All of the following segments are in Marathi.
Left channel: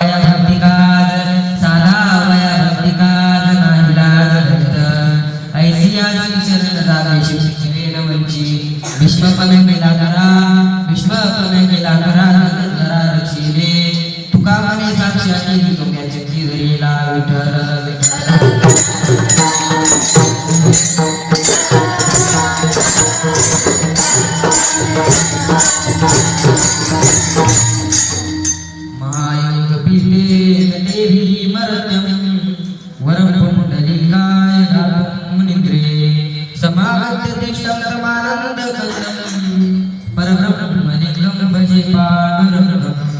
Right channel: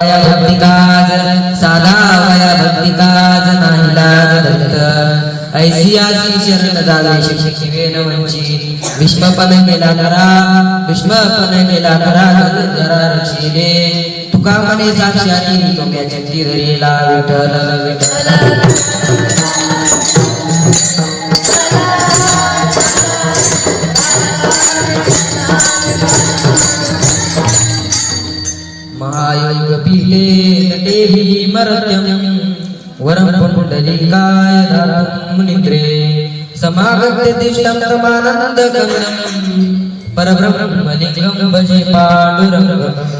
भक्तिकाज साधा वया भक्तिकाज नाहीलाज दत्त ऐसियासी शरण जावे शिक्षिवेन वंचित विश्वपन केला करा विश्वपन केला करा जरा रक्षिले तुका मने साक्षाती तोम्याच्या तिरीला विठ्ठल महायोग पिले नटेहि मर्त्यं वरं पुंडलिकाय नाथं मुनिग्रे समागत्य तिष्ठं तमानन्दगगनं परब्रह्मलिङ्गं भजे पाण्डुरङ्गम्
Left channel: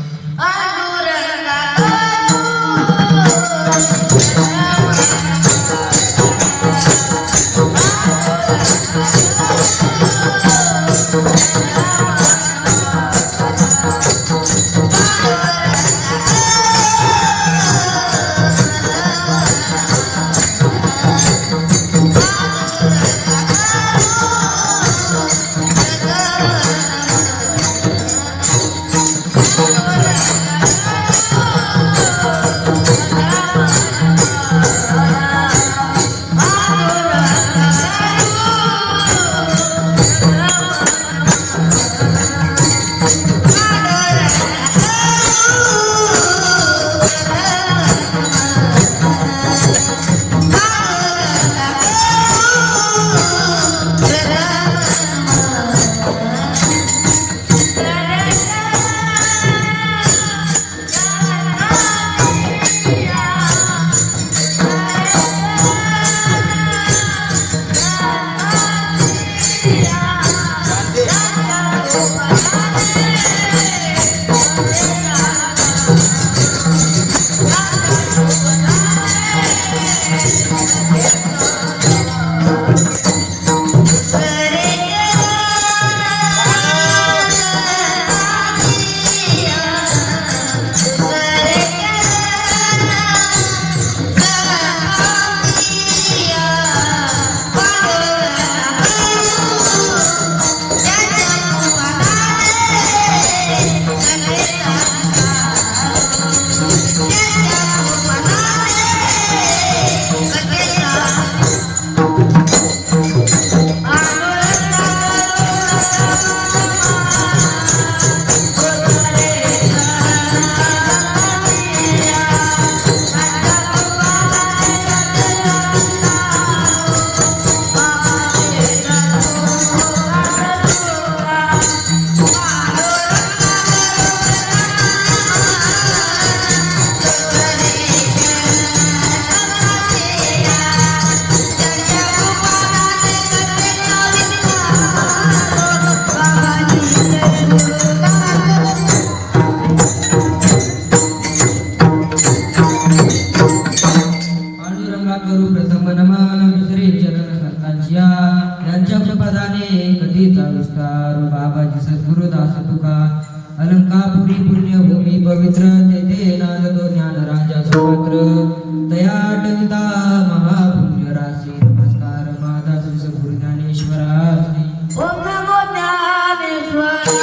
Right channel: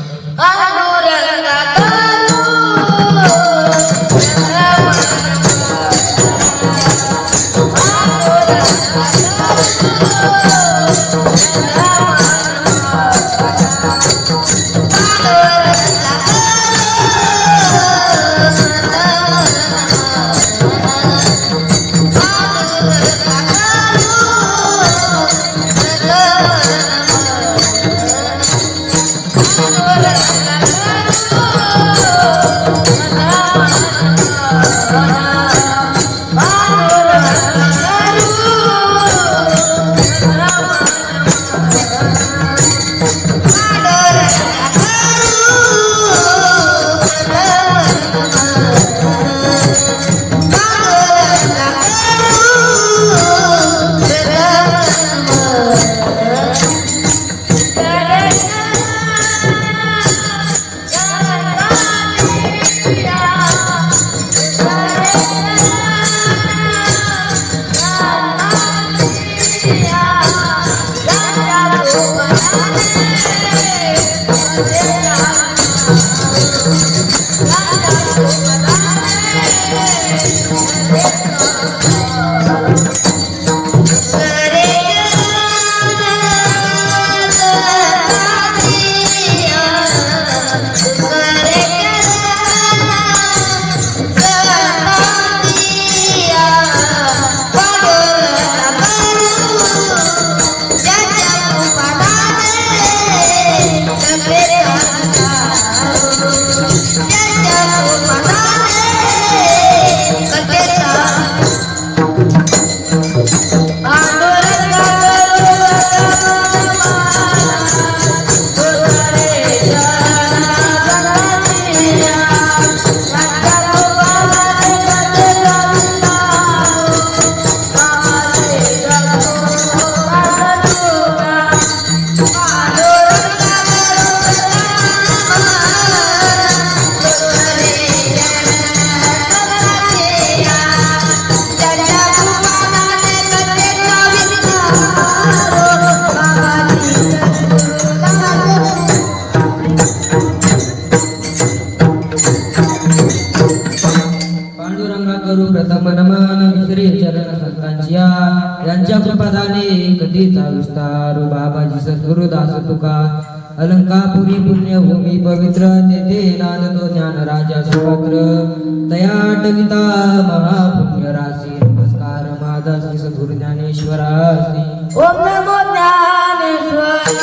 यांच्या कृपादाने कधीचा विस्तार बाबाजी सद्गुरुदास तुका अलंकापुरी पुण्यभूमी पवित्र तेथे नांदतो ज्ञान राजा सुपुत्र तया आटविता महापुण्य राशी नमस्कार माझा श्री सद्गुरु ज्ञानेश्वरासी ओम नमो ज्ञानेश्वराय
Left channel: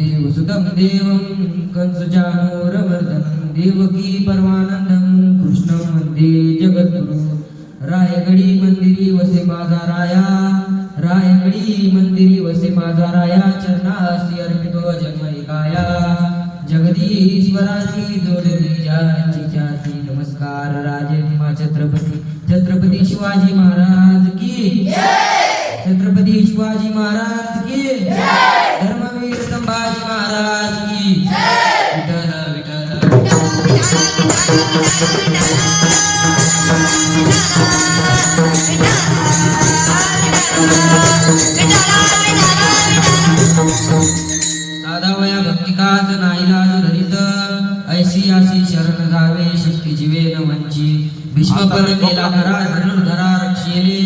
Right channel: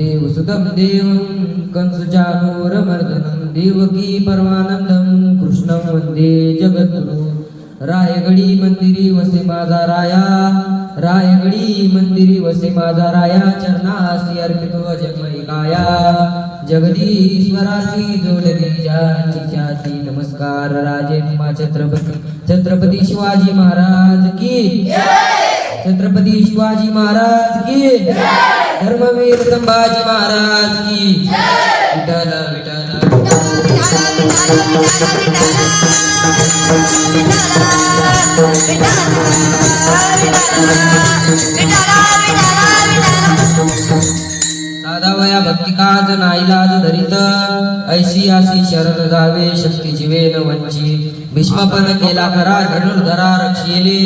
वसुते वसुतं देवं कंसचाणूरमर्दनं देवकी परमानंदं कृष्णं वंदे जगद्गुरु रायगडी मंदिरी वसे माझा राया रायगडी मंदिरी वसे माझा राया चरणासी अर्पितो जगमई काया जगदीश्वराची जोडली जाची ख्याती नमस्कार राजे मा छत्रपती शिवाजी महाराज की छत्रपती शिवाजी महाराज की धर्मवीर संभाजी महाराज की विठ्ठल साधा वया भक्ती काज नाईलाज धरित ऐशी आशी शरण जावे शक्ती जीवे न वंची भीष्मपण केला करा धनुर्धरा रक्षेले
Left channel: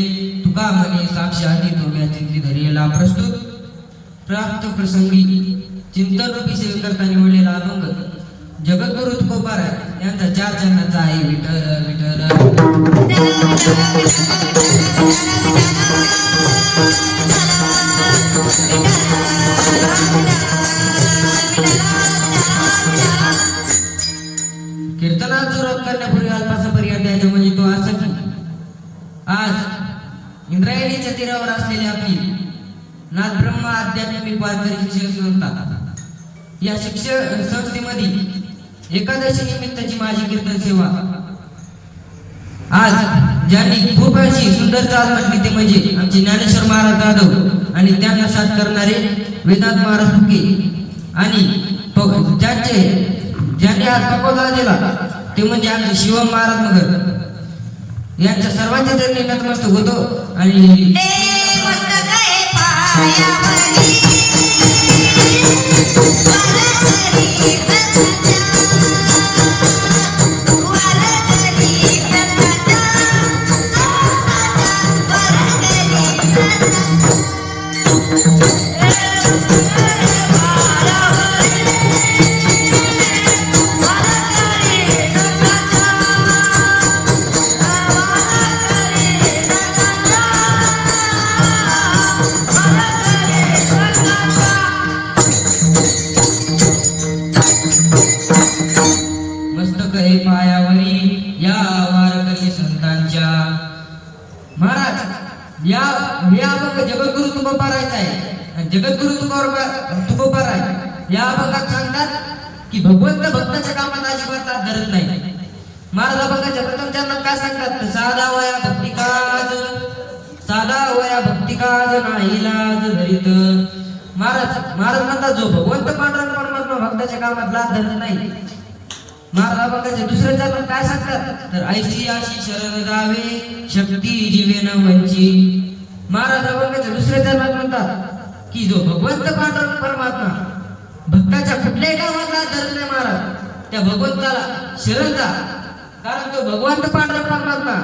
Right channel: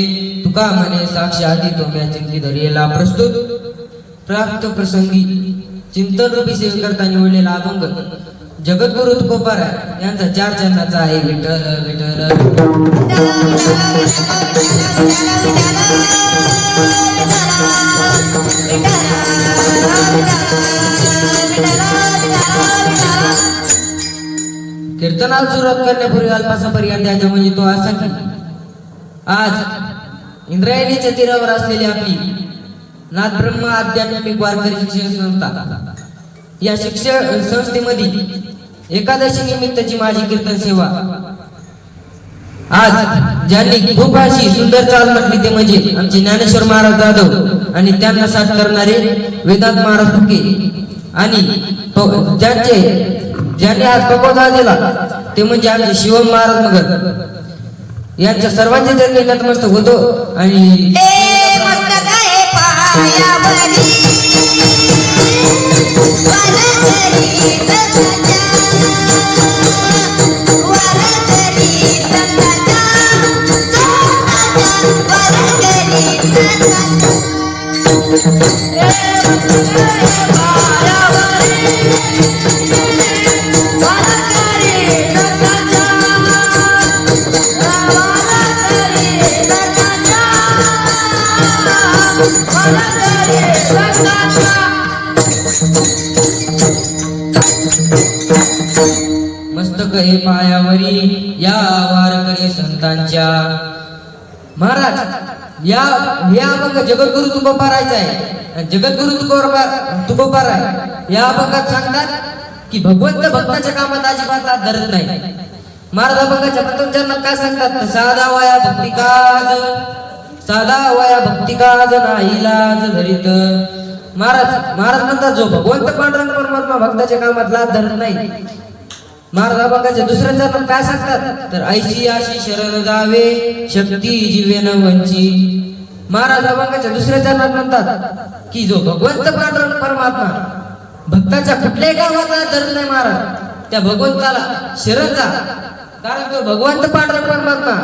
तुका म्हणे साक्षाती तोम्या चिंती धरियेला प्रस्तुत प्राप्त प्रसंगी चिंतन रूपी सेवकर्ता निवडलेला अभंग जगद्गुरु तुकोबार यांचा 4 चरणाचा आहे विठ्ठल विठ्ठल कीर्तनाला सुरुवात करण्यापूर्वी अल्पासा पर्याय द्यायचा म्हणजे तो असा की आज इंद्रायणीच्या तीरावर असलेली आपली नाथ ब्रह्म आध्यात्मिक वारकरी शिक्षण संस्था या शिक्षण संस्थेमध्ये एकादशी निमित्ताची माझी कीर्तन सेवा आज ज्यांनी खूप अशी सुंदर चाल म्हटली ते म्हणजे आमचे ज्ञानेश्वर महाराज जाधव आणि त्यांना साथ करणारे वेदांत महाराज फुके आणि ज्यांनी आज तपोदा दिला ते म्हणजे आमचे शिवम महाराज मगर यांच्या सर्वांचे त्यांनी नतमस्तक होतो आणि मस्तक हे पायावरी या वारकरी संतांच्या महाराज या अभंग जगद्गुरु तुकोबारायचा आहे जगद्गुरु तुकोबार आहे या अभंगात सांगतात की भगवंत भक्ताच्या कामात अजिबात हात धरत नाही महाराज अभंगाच्या प्रथम चरणात काय सांगतात साधा वया भक्तिकाज नाईलाज धरित महाराज म्हणतात जो भगवंत पांडुरंग परमात्मा भक्ताच्या कामात हात धरत नाही महाराज अभंगाच्या दुसऱ्या चरणात काय सांगतात तर ऐशी आशी शरण जावे शक्ती जीवे न वंची महाराज अभंगाच्या दुसऱ्या चरणात म्हणतात की जो भगवंत पांडुरंग परमात्मा भक्ताच्या कुठल्याही कामात हात धरत नाही महाराज त्या भगवंताला शरण जा कारण तो भगवंत पांडुरंग परमात्मा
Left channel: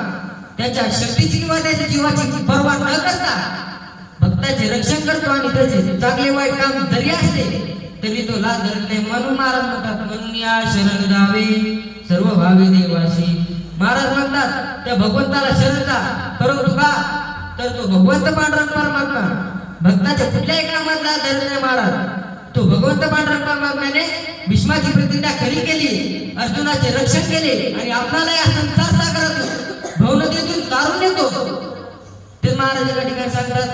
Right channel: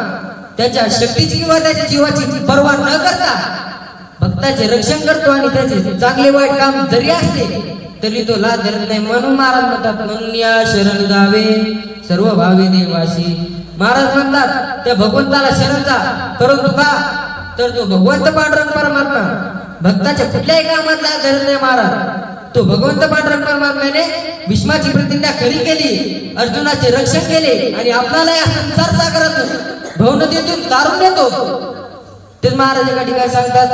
त्याच्या शक्तीची किंवा त्याच्या जीवाची पर्वा न करता भक्ताचे रक्षण करतो आणि त्याचे चांगले वाईट काम जरी असले तरी तो लाज धरत नाही म्हणून महाराज म्हणतात म्हणून या शरण जावे सर्व भावी देवासी महाराज म्हणतात त्या भगवंताला शरण जा परंतु का तर तो भगवंत पांडुरंग परमात्मा भक्ताच्या कुठल्याही कामात लाज धरत नाही महाराज तो भगवंत पांडुरंग परमात्म्याने भीष्माची प्रतिज्ञा खरी केली अर्जुनाचे रक्षण केले आणि आपल्याला या संसार सागरात भवनदीतून तारून येतो ते महाराज एका ठिकाणी सांगतात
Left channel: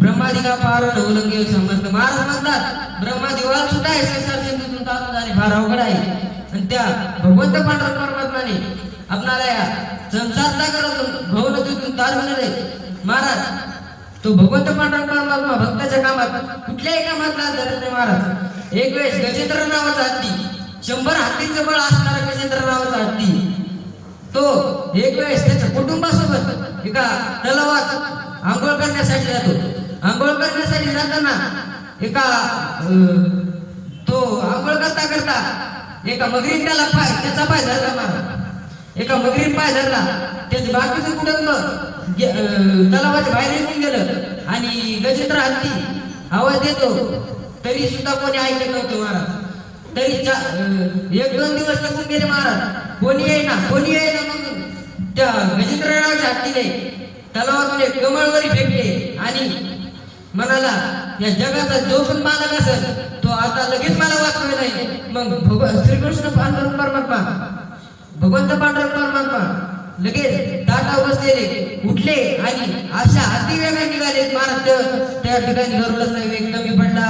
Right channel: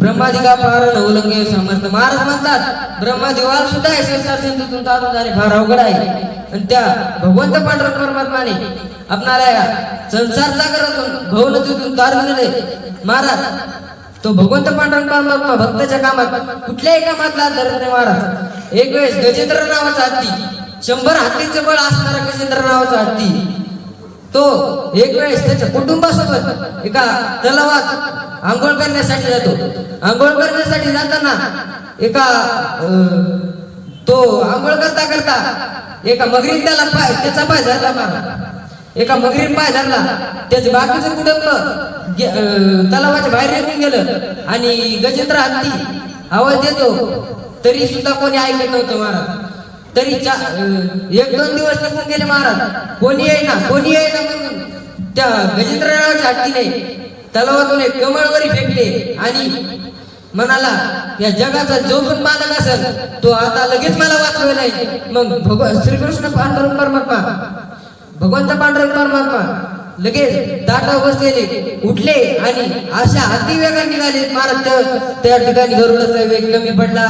ब्रह्मादिका पार उल्लंघे समर्थ महाराज म्हणतात ब्रह्मादिवाल सुद्धा आहे संसार सिंधूतून तारून जाणे फार अवघड आहे आणि त्या भगवंत पांडुरंग परमात्माने आपणाला या संसार सागरातून भवनदीतून तारून नेले महाराज तो भगवंत पांडुरंग परमात्मा भक्ताच्या कामात कुठल्याही कामात लाज धरत नाही महाराज एक वेळेस गजेंद्र नावाचा हत्ती 100 हत्तीचं बळ असणारा गजेंद्र नावाचा हत्ती तो एक वेळेस त्याच्या कुटुंबासोबत एका तलावात आंघोळ करण्यासाठी जातो आंघोळ करण्यासाठी जाताना एका तो आंघोळ करता एका मगरीन त्याचा पाय धरला एका मगरीन पाय धरला त्याचे बाकीचं कुटुंब तलावाच्या बाहेर निघून गेलं आणि गजेंद्र हत्ती आवाज देतो तरी सुद्धा कोणी ऐकत नव्हतं महाराज तरी 1-2 दिवस निघून गेले महाराज कोणी येईना म्हणून त्या गजेंद्र हत्तीने तलावातून एक कमळवरी फेकले आणि म्हणाला या जगाचा जो पण मालक असेल तो आता लगेच मला वाचवेल. मग श्रीकृष्ण पांडुरंग परमात्मा, भगवंत पांडुरंग परमात्मा लगेच दाटा बसलेले उठले आणि अशा अतिवेगाने निघाले महाराज. त्या ठिकाणी गरुडाचा वेग कमी पडला.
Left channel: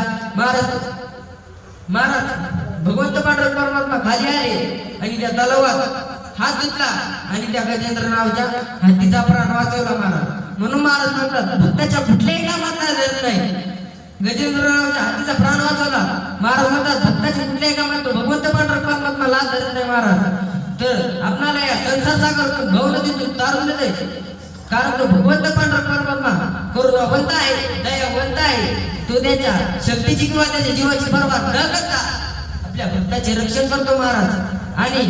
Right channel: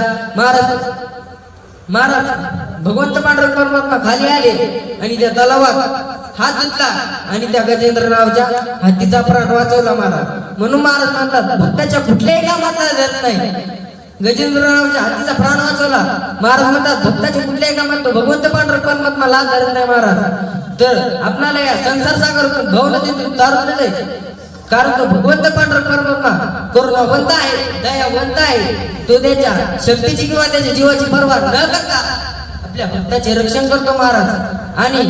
महाराज भगवंत पांडुरंग परमात्मा खाली आले आणि त्या तलावात हात धुतला आणि त्या गजेंद्र नावाच्या हत्तीचा प्राण वाचवला महाराज. म्हणून महाराज म्हणतात भक्ताच्या कुठल्याही कामाचा धरत नाही. गजेंद्र नावाच्या हत्तीचा प्राण वाचवला महाराज म्हणतात भक्ताच्या कुठल्याही कामात तो भगवंत पांडुरंग परमात्मा लाच धरत नाही महाराज. तर आपल्याला या संसार सागरातून भावनातून तारून देते, कारण तो भगवंत पांडुरंग परमात्मा करुणावंत आहे, दयावंत आहे. तो त्याच्या शक्तीची किंवा त्याच्या जीवाची पर्वा न करता आपल्या भक्ताचे रक्षण करतो महाराज. आणि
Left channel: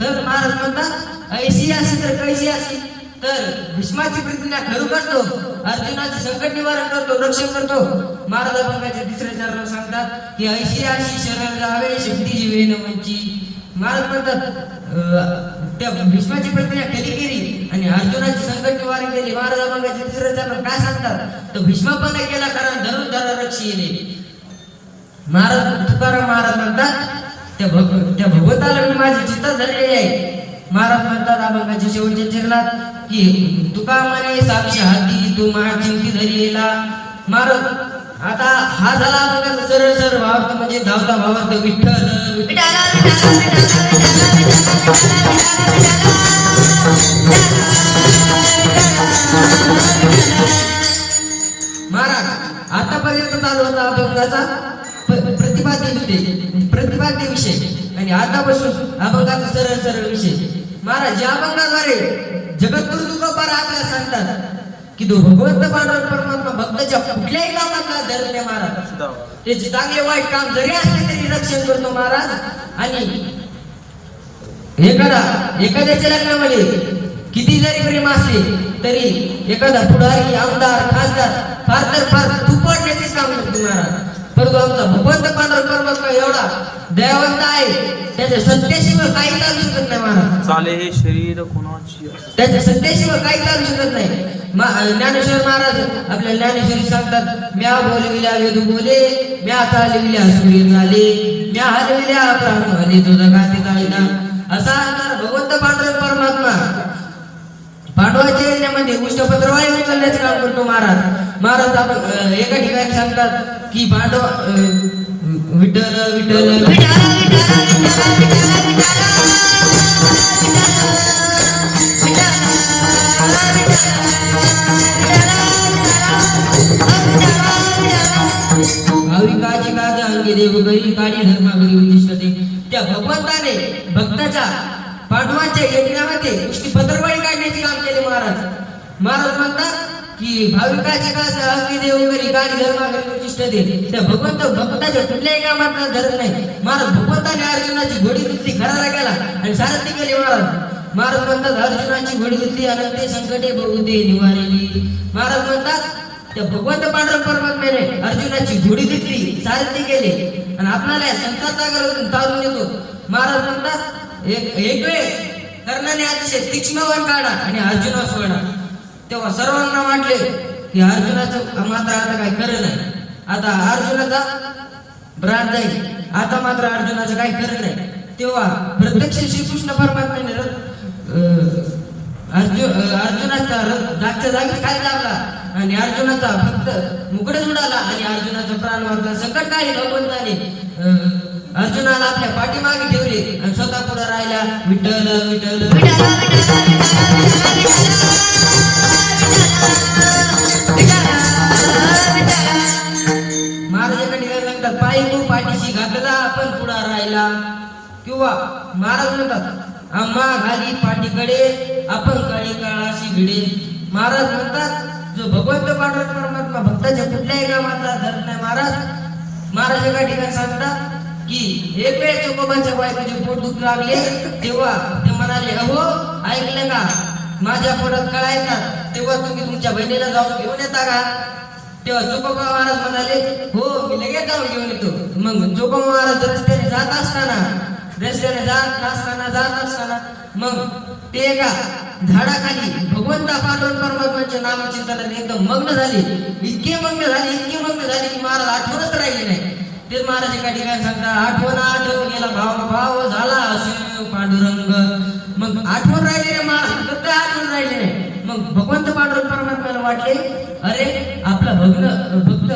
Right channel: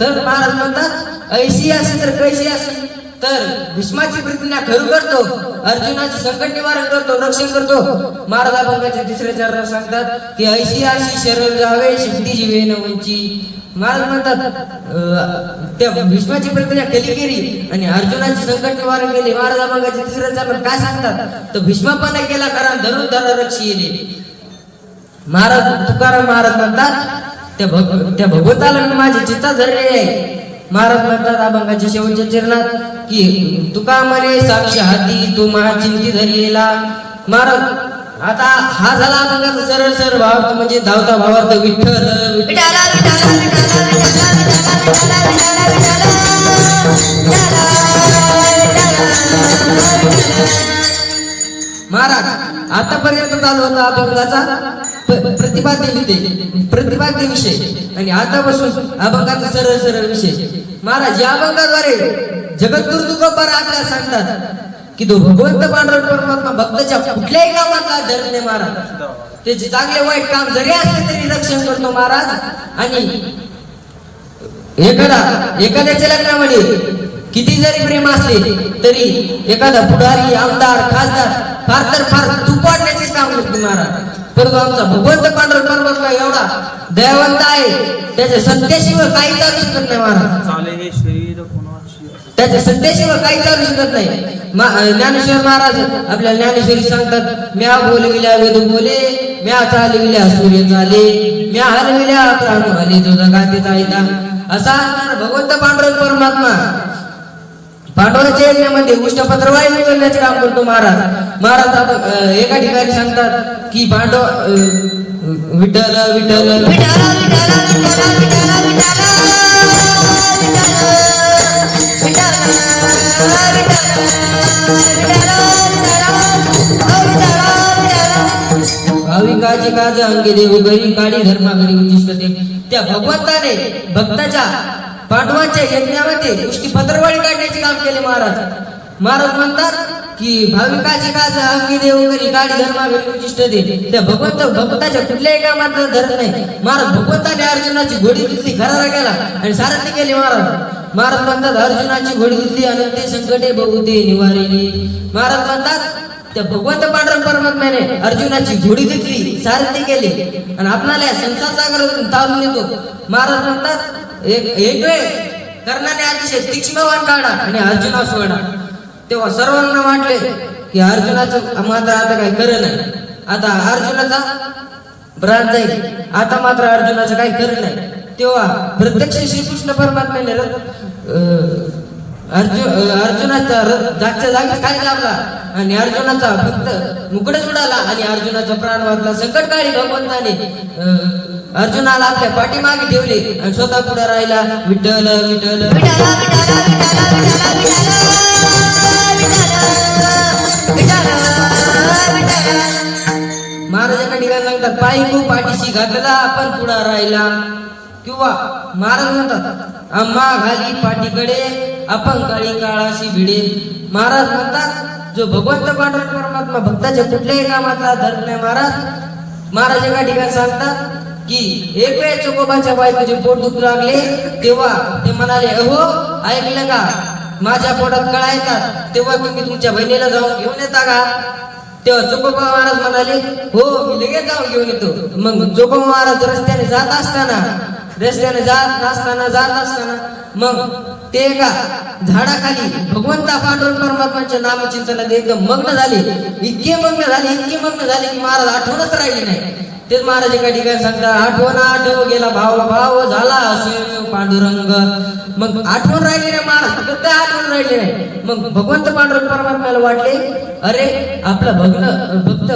तर महाराज म्हणतात ऐशी असेल तर कैशी असेल तर भीष्माची प्रतिज्ञा खरू करतो, अर्जुनाचे संकट निवारण करतो, रक्षण करतो. महाराज अभंगाचे तिसरे चरण सांगतात की ऐशी अशी शरण जावे शक्ती जीवे न उंची. महाराज म्हणतात त्या भीष्माची प्रतिज्ञा केली आणि अर्जुनाचे संकट निवारण केले. महाराज अभंगाचे तिसरे चरण काय सांगतात तर भीष्मापणे केला कारण धनुर्धर रक्षी येणे. महाराज तुकाराम महाराज म्हणतात त्या भगवंताला मी माझे चित्त धरले आहे. महाराज म्हणतात अभंगाच्या शेवटच्या चरणात की तुका म्हणे साक्षी हाती तू महा चिंती धरिला. महाराज आता हा झाला अभंगाचा सरळ सरळ भाव म्हणजे धावता भावार्थ विठ्ठल महाराज. आतापर्यंत चालू होता अभंगाचा प्रतिपाद्य विषय आणि आतापासून अभंगाचा सरळ सरळ विषय. महाराज या अभंगाद्वारे जगद्गुरु तुकोबार आपल्याला सांगतात की तो भगवंत पांडुरंग परमात्मा भक्ताच्या कुठल्याही कामातला धरत नाही महाराज. त्याचे चांगले वाईट काम जरी असले तरी रक्षण करतो महाराज. आणि एखाद्याच्या लग्नामध्ये किती जरी प्रेम असले तरी एखादा पुढारी आमदार खासदार फार तर फार तूप वाढण्याचेच काम करतो महाराज. परंतु आमचा भगवंत पांडुरंग परमात्मा एवढा दयावंत आहे, त्याच्या सत्तेशिवाय काही चालू शकत नाही महाराज. चाले हे शरीर कोणाची त्याच्या सत्तेशिवाय काही चालू शकत नाही. ज्ञानेश्वर महाराज आपल्या ज्ञानेश्वरी सांगतात म्या बोलविल्या वेद बोले, म्या चालविल्या सूर्य चाले, म्या हलविल्या प्राण हले तुझा गाते चालता. असा असणार भगवंत पांडुरंग परमात्मा पांडवाच्या यज्ञामध्ये उष्णपत्रवायू उचलण्याचे काम करतो महाराज. महाराज एका ठिकाणी सांगतात की पांडव विठ्ठल विठ्ठल भाविकाची काज अंगे देव घरी काळी धर्माघरी उचिष्टते. त्या भगवंताने भक्ताच्या पांडवांच्या यज्ञामध्ये उष्टी पत्रवाळी काढण्याचे काम केले महाराज. महाराज म्हणतात की भाविकाची काज अंगी देव घरी काळी धर्माघरी उचिष्टते. त्या भक्ताच्या कुठल्याही कामात धरत नाही महाराज. भगवंताने अर्जुनाची घोडी धुतली, खरारा केला आणि सारथी केले महाराज. महाराज म्हणतात अर्जुनाची घोडी धुतली आणि ते संकटे बहुते निवारली. महाराज म्हणतात त्या भगवंत पांडुरंग परमात्म्याने अर्जुनाची घोडी धुतली, सारथी केले आणि आपल्याला संसार सागरातून तारून येतो. महाराज म्हणतात एक वेळ कर्णाने अतिशय तीक्ष्ण बाण काढा आणि अर्जुना सोडा. तेव्हा सर्वांना वाटले की अर्जुनाचं मात्र आता काही खरं नाही, आता अर्जुनाचा प्राण जाईल, आता मात्र अर्जुनाचं काही खरं नाही. तेव्हा प्रत्यक्ष श्रीकृष्ण परमात्म्याने अर्जुनाचा जागच्या जागी काय लागला आणि अर्जुनाचा फक्त मुकडच उडाला आणि अर्जुनाचा प्राण वाचला. संकटकाळी भगवंताने अर्जुनाला आपल्या पाठीमागे ठेवले आणि स्वतः पुढे राहिला विठ्ठल विठ्ठल. महाराज एका ठिकाणी सांगतात पायी तू पाठीशी घातला आपण पुढा राहिला. किंवा महाराज म्हणतात आम्हा घाली पाठीकडे आपण काळी काळाशी भिडे. महाराज म्हणतात जो भगवंत पांडुरंग परमात्मा भक्ताच्या कुठल्याही कामातला धरत नाही महाराज. महाराज एका ठिकाणी सांगतात की एक वेळ चोकोबाच्या बायकोचे पोट दुखू लागले तेव्हा ते म्हणाले अहो ऐकलं का माझ्या पोटात कळा येतात तेव्हा तुम्ही तुमच्या बहिणीला जाऊन घेऊन येता का. तेव्हा चोकोबा महाराज म्हणाले हो मी लगेच जाऊन घेऊन येतो. मग चोकोबा महाराज रस्त्याने जात असताना मग ते एका झाडाखाली भगवंता पांडुरंग परमात्म्याच्या नामचिंतनात एकदम मग्न झाले, इतके मग्न झाले की महाराज आठवणच राहिली नाही. तेच महाराज एका ठिकाणी सांगतात, आठव गेला भाव झाला असे पांडुरंग. मग आठवण राहिली नाही महाराज, प्रत्येक आठवण राहिली नाही. मग भगवंत पांडुरंग परमात्म्याला वाटले, अरे आपला भक्त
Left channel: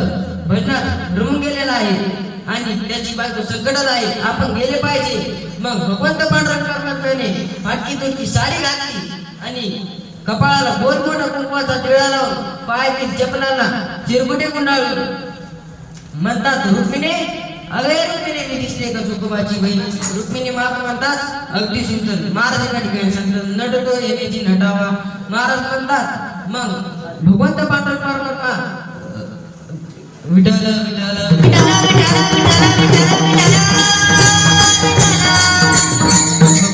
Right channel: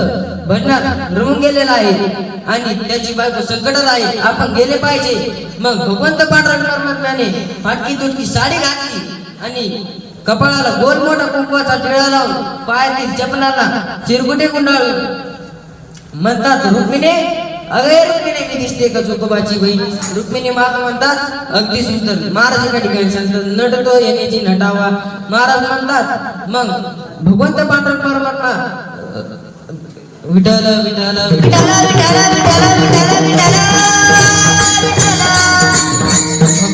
भजनात रमून गेलेला आहे आणि त्याची बायको संकटात आहे, आपण गेले पाहिजे. मग भगवंत पांडुरंग परमात्म्याने फाटकी तुटकी साडी घातली आणि कपाळाला गोल मोठा कुंकवाचा टिळा लावून पायातील चपलाला चिरगुटे गुंडाळून म्हणतात, रुक्मिणी अगे रुक्मिणी की दिसते का चोकोबाची बहीण. रुक्मिणी माता म्हणतात, अगदी सुंदर. महाराज एका ठिकाणी सांगतात, नटतो येण्याची नटावा. महाराज म्हणतात, मग भगवंत पांडुरंग परमात्मा विठ्ठल विठ्ठल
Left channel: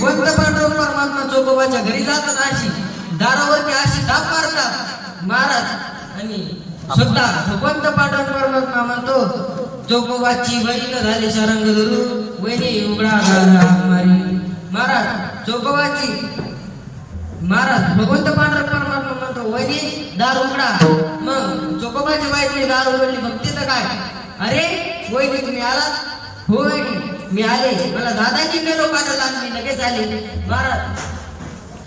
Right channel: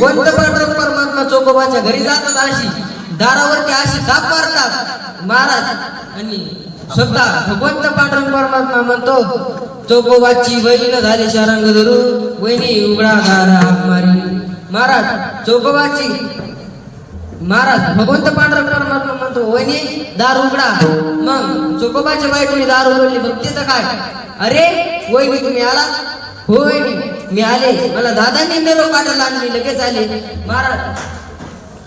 भगवंत पांडुरंग परमात्मा चोकोबाच्या घरी जातात, अशी दारावरती अशी दाब मारतात महाराज. आणि स्वतः भगवंत पांडुरंग परमात्मा म्हणतो, चोकोबाची बहीण झाली शारंग धरू, वहिनी उघडा मारी. महाराज चोकोबाची महाराज भगवंत पांडुरंग परमात्मा म्हणतो, वहिनी दार उघडा. मग चोकोबाच्या बायकोने दार उघडली. भक्तीचं काय, अरे वहिनी तुम्ही आला? हो वहिनी मी आले, मला दादांनी निरोप काढायला आणली, लगेच आले. महाराज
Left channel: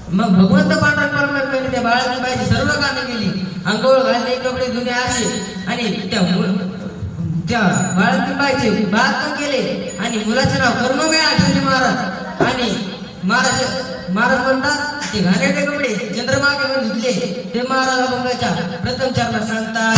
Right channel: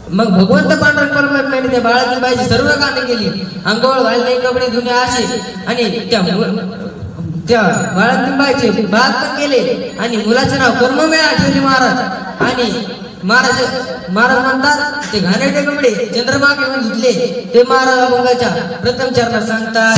मग भगवंत पांडुरंग परमात्म्याने त्या बाळाची सर्व कामे केली, अंघोळ घालणे, कपडे धुणे असे, आणि त्या बाळाची भात पण केले आणि मुलाचे नाव कर्मवेळा ठेवली महाराज. आणि महाराज म्हणतात, ते घाणेरडे कपडे चंद्रमा घेऊन धुतले. ते महाराज अभंगाच्या प्रथम चरणात सांगतात,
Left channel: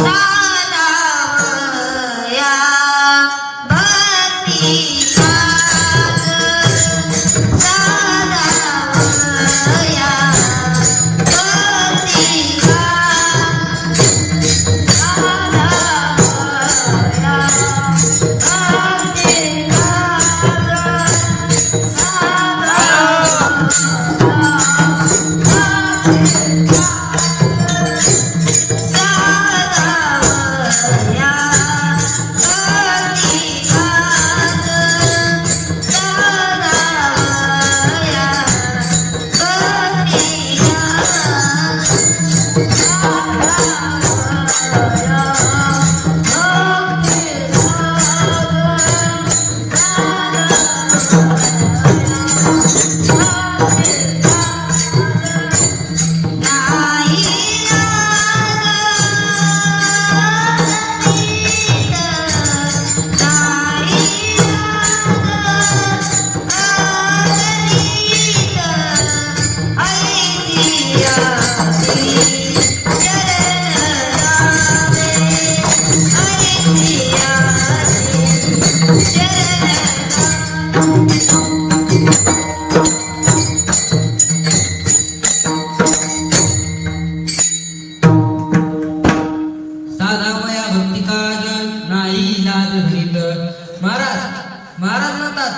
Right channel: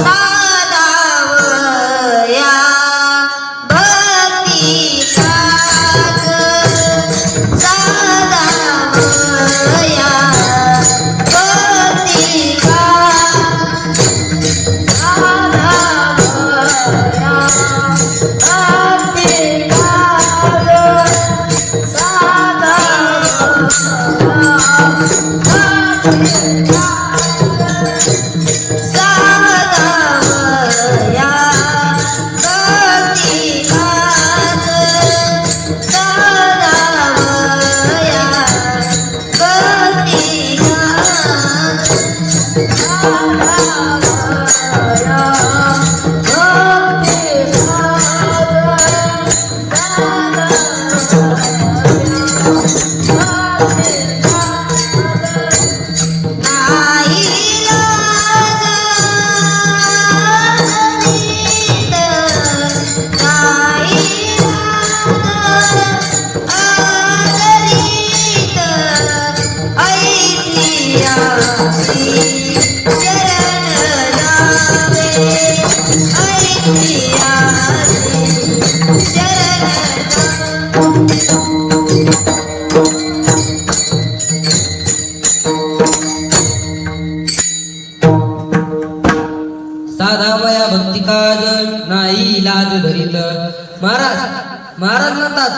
महाराज म्हणतात,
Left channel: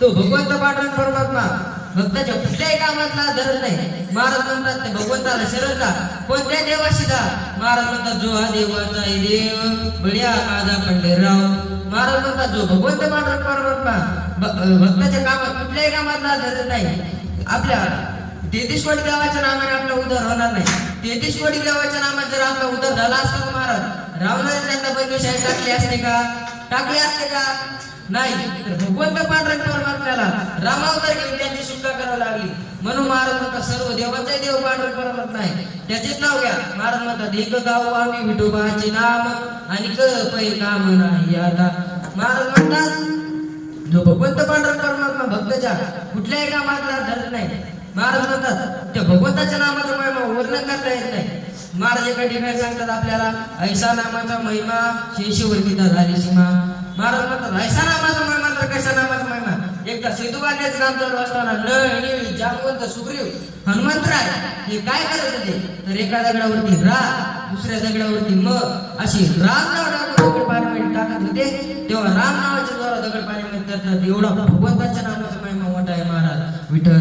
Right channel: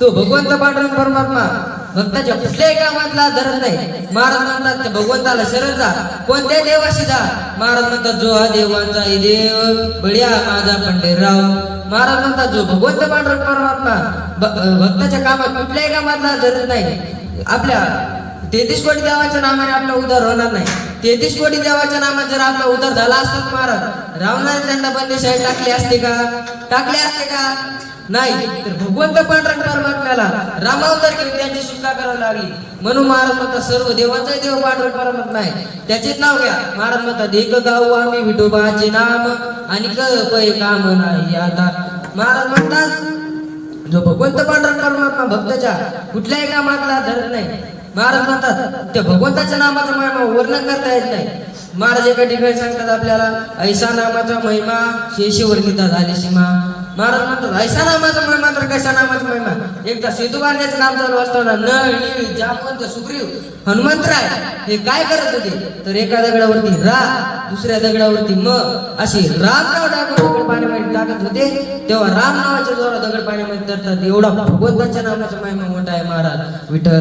तो भगवंत पांडुरंग परमात्मा भक्ताच्या कुठल्याही कामातला धरत नाही. महाराज म्हणतात, त्या भगवंताला शरण जा, कोणत्या देवाशी जा. महाराज म्हणतात, जो हा देवांचा देव बढिया माझा पंढरीराव. महाराज म्हणतात, जो भगवंत पांडुरंग परमात्मा भक्ताच्या कामात कुठल्याही कामातला धरत नाही. आपल्या 33 कोटी देवाच्या नावाने आपला उद्धार होणार नाही. 33 कोटी देवाच्या नामात जर आपला उद्धार झाला असता, महाराज रावणाने त्यांना बंदीशाही टाकले असते का? नाही. तर भगवंत पांडुरंग परमात्म्याला रामावतार घेऊन त्यांची सुटका करावी लागली. म्हणून महाराज म्हणतात, सर्व देवाचा देव पांडुरंग परमात्मा आहे, त्याचेच नाव घ्या. महाराज म्हणतात, एक गाऊ आम्ही विठोबाचे नाम आणि पै काम नाही आता. महाराज म्हणतात, जो भगवंत पांडुरंग परमात्मा भक्ताच्या कुठल्याही कामातला धरत नाही. महाराज म्हणतात, त्या भगवंताच्या नामाचा महिमा वर्णन करता येत नाही. महाराज एका ठिकाणी सांगतात आपल्याला, ऐसा नामाचा महिमा शेषवर्णिता झाली सीमा. महाराज म्हणतात, ऐसा नामाचा महिमा तर कशा नामाचा महिमा. एकदा सेतू बांधण्याचं नाम चालू असताना नळ, नीळ, जामवंत, सुग्रीव, हनुमंतराय हे काय करत होते, तर एका दगडावरती रा, दुसऱ्या दगडावरती म अशी राम नाव टाकून दगड पाण्यामध्ये टाकत होते. तेव्हा राम नावाच्या जोरा दगड पाण्यामध्ये तरतात. एवढा भगवंताच्या नामाचा महिमा मोठा आहे. महाराज विठ्ठल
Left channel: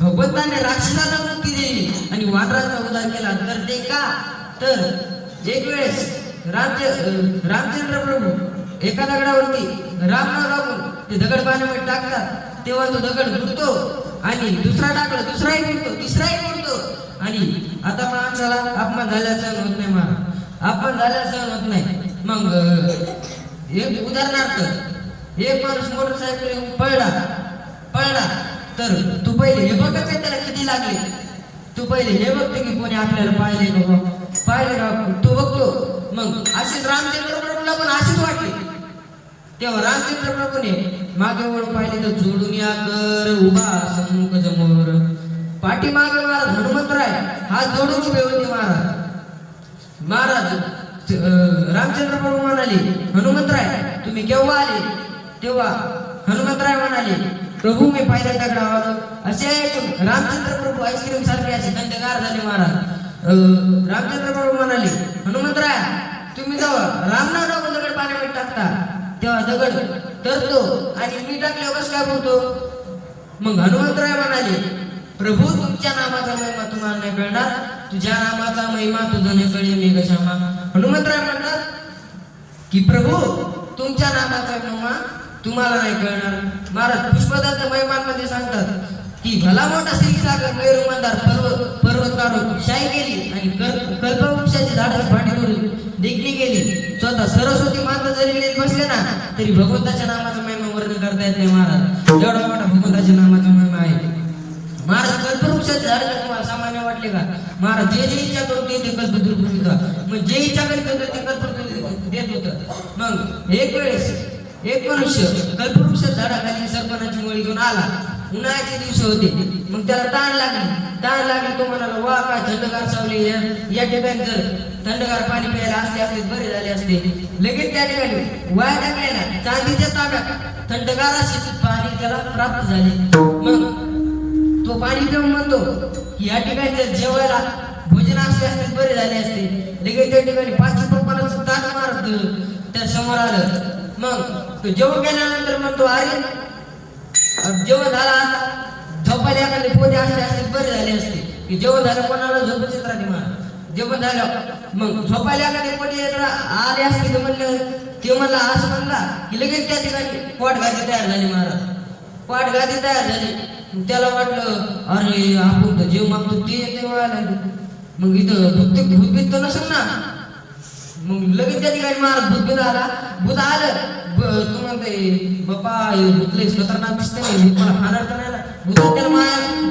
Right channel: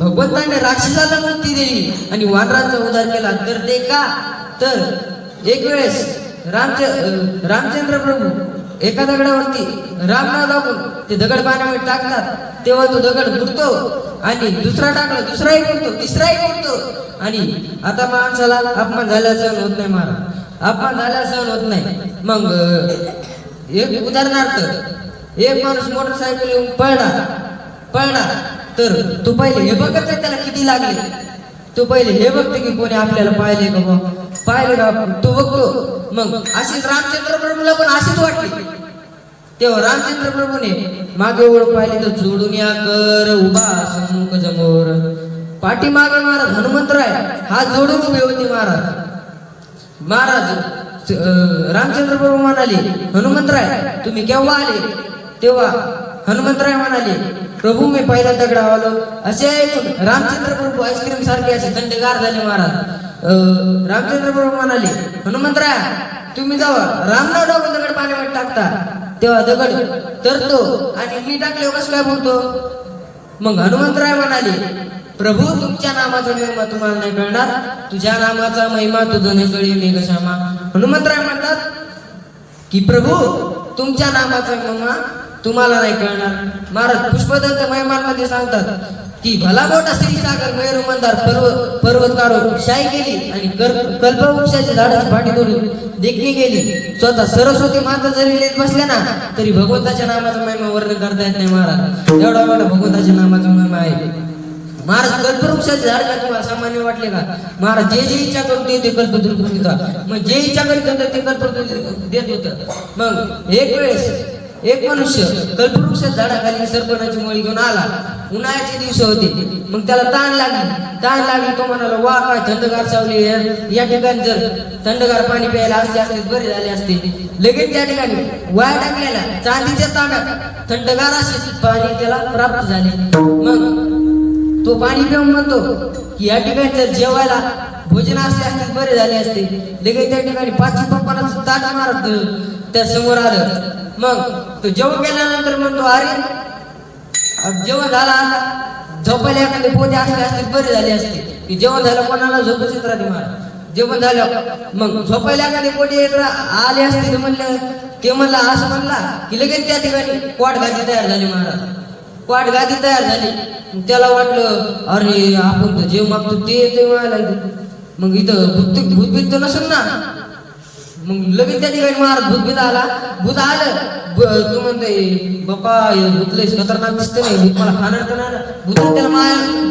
भगवंताने राक्षसाला मुक्ती दिली आणि वानरांचा उद्धार केला. तर ते का, तर एक वेळेस रामचंद्र प्रभू एका दगडावरती राम नाव लागून ते दगड पाण्यामध्ये टाकतात, तेव्हा तो दगड बुडतो आणि दुसरा टाकला दुसराही बुडतो, तिसराही बुडतो. आणि आता माणसाला अपमान झाल्याचा सहन होत नाही, महाराज अपमान झाल्याचा सहन होत नाही. मग एक उदाहरणार्थ एक माणूस मोटरसायकल येऊन पळला तर तू पहिले हे बघत का त्याला किती लागले, तू पहिले हे बघते की कोणी आपल्याला पाहिले का तू बघतो. मग अशीच रामचंद्र प्रभूला पण अशीच वाटली. तेव्हा रामचंद्र प्रभूने मागे वळून पाहिले तर जोडून या कर उभा सन्मुख जमोर. पाठीमागे महाराज हनुमंतराय हात जोडून उभे होते. महाराज रामचंद्र प्रभू म्हणाले, हनुमंतराय तुम्ही केव्हा आले? तेव्हा हनुमंतराय म्हणाले, प्रभू मी पहिल्या दगडावर आलो. असे ऐकून रामचंद्र प्रभू आईस्क्रीम सारखे असे थंडगार झाले. महाराज रामचंद्र प्रभू म्हणाले, हनुमंतराय तुम्ही जावा रामनाव लागून दगड पाण्यामध्ये टाकता, तेव्हा दगड तरतो आणि मी टाकल्यावर कसं काय बोलतो? मग हनुमंतराय म्हणाले, प्रभू तुमच्या नामाचा महिमा तुम्हाला नाही कळणार, तुझ्या नामाचा महिमा तुझं न कळे मेघश्यामा. हनुमंतराय म्हणतात की प्रभू तुमच्या नामाचा महिमा तुम्हाला नाही कळणार. महाराज पुष्पदत्त महिमांमध्ये सांगतात की भला मोठा श्रीसागर मयूर मंदार पर्वत काढून शाई गेली आणि कल्पवृक्षाची झाडाची भाटी तोडून देखणी गेली. स्वतः सरस्वती माता जरी बसल्या ना तरी भगवंताच्या नामाचा महिमा वर्णन करता येत नाही. महाराज एवढा मोठा भगवंताच्या नामाचा महिमा आहे. महाराज कल्पवृक्षाचे झाड का तुम्हाला सामान्य वाटले का? महाराज जे इच्छा करून ते कल्पवृक्ष होता. मग जे इच्छा करीत होतं ते कल्पवृक्ष देत होतं. मग एक वेळेस एक मनुष्य कल्पवृक्षाच्या झाडाखाली सरपणाची मुळी घेऊन आला. उन्हाळ्याचे दिवस होते. मग त्याला ताण लागली. तो म्हणाला, वा काय थंडगार सावली, या ठिकाणी जर थंडगार पाणी प्यायला असते बरे झाले असते. लगेच त्या ठिकाणी वाया टाकलेल्या चांदीच्या तांब्यात थंडगार असे पाणी त्याला प्राप्त झाले. मग तो पाणी पिऊन म्हणतो की या ठिकाणी जर जेवायला भोजन असते बरे झाले असते. लगेच त्या ठिकाणी 5 पप्पाला ताट मारत त्या समोर आलं. मग तो जेवण केल्यानंतर म्हणतो, अरे जेवण झालं, आता झोपायला एखादे पोते असते बरे झाले असते. की जेवण झालं कोणाला झोपच येत राहते. महाराज जेवण झालं मग झोपायला एखादे पोटे आले असते ते म्हणला असं म्हणला की लगेच त्या ठिकाणी पोटगादी तयार झाली. महाराज पोटगादी तयार झाली. त्याला वाटलं अरे आपण तर जेव मागतो ते मिळायला. मग इथं भूतभीत तर नसेल ना. मग लगेच त्या ठिकाणी महाराज भूत आलं. तू म्हणते बाप्पा भूतलेच खतरनाक दिसतं नाही, भूत मला खाणार तर नाही ना. भूतात त्याला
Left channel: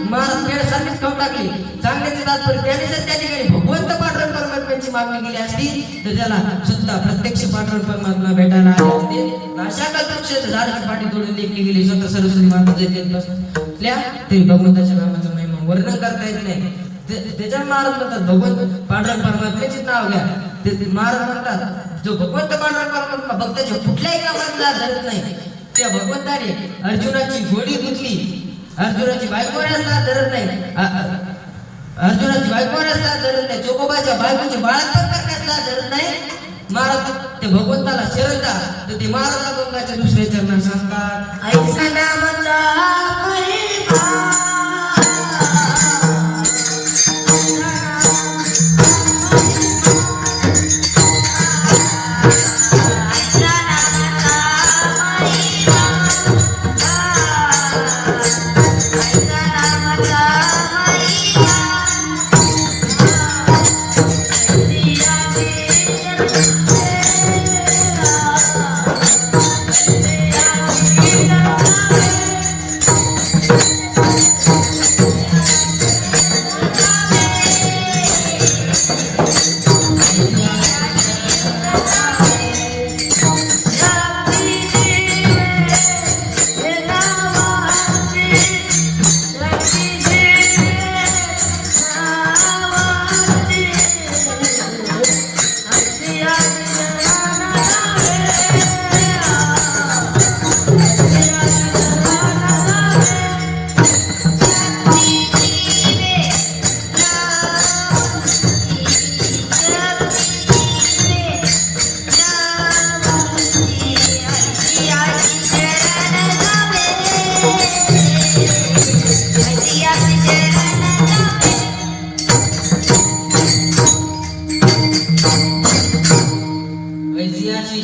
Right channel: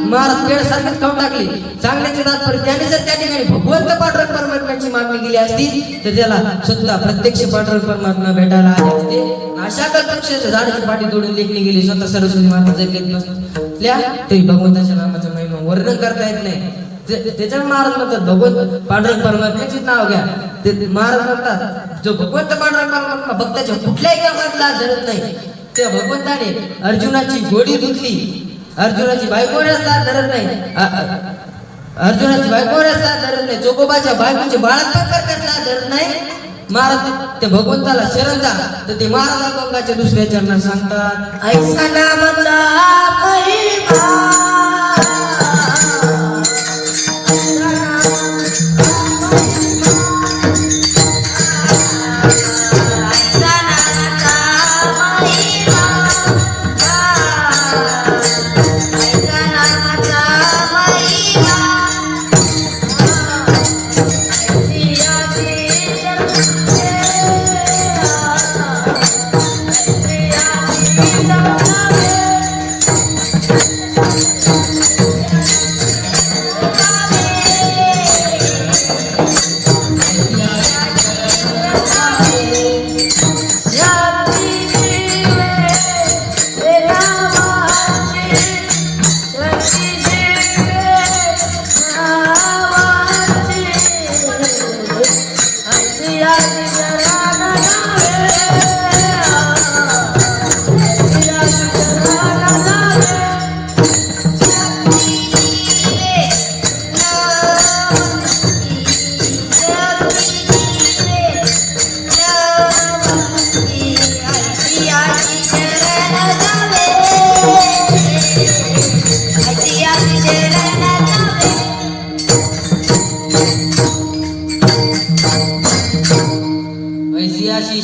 महाराज पेड सारखीच खाऊन टाकली. सांगण्याचे तात्पर्य त्याने जर त्या ठिकाणी भगवंत पांडुरंग परमात्म्याची मागणी केली असती तर त्याला स्वतः प्रत्यक्ष पांडुरंग परमात्मा भेटायला आले असते. अशा कल्पवृक्षाच्या झाडाची पाठी तोडून लेखणी गेली. स्वतः सरस्वती माता जर बसल्या तरी भगवंताच्या नामाचं महिमा वर्णन करता येत नाही. त्याच्या महाराज म्हणतात भगवंत पांडुरंग परमात्म्याचीच नाव घ्या. ते महाराज म्हणतात जो भगवंत पांडुरंग परमात्मा भक्ताच्या कुठल्याही कामात धरत नाही. त्या भगवंताने अर्जुनाची घोडी धुतली. अर्जुनाची बायको रस्ता धरत नाही. अर्जुनाची बायको रस्ता धरत नाही. चोकोबाच्या बायकोचे बाळात्तर कसला धरत नाही. महाराज त्या भगवंताला शरण जा तर ते महाराज गंगाच्या दुसऱ्या चरणात सांगतात, ऐसा नामचा महिमा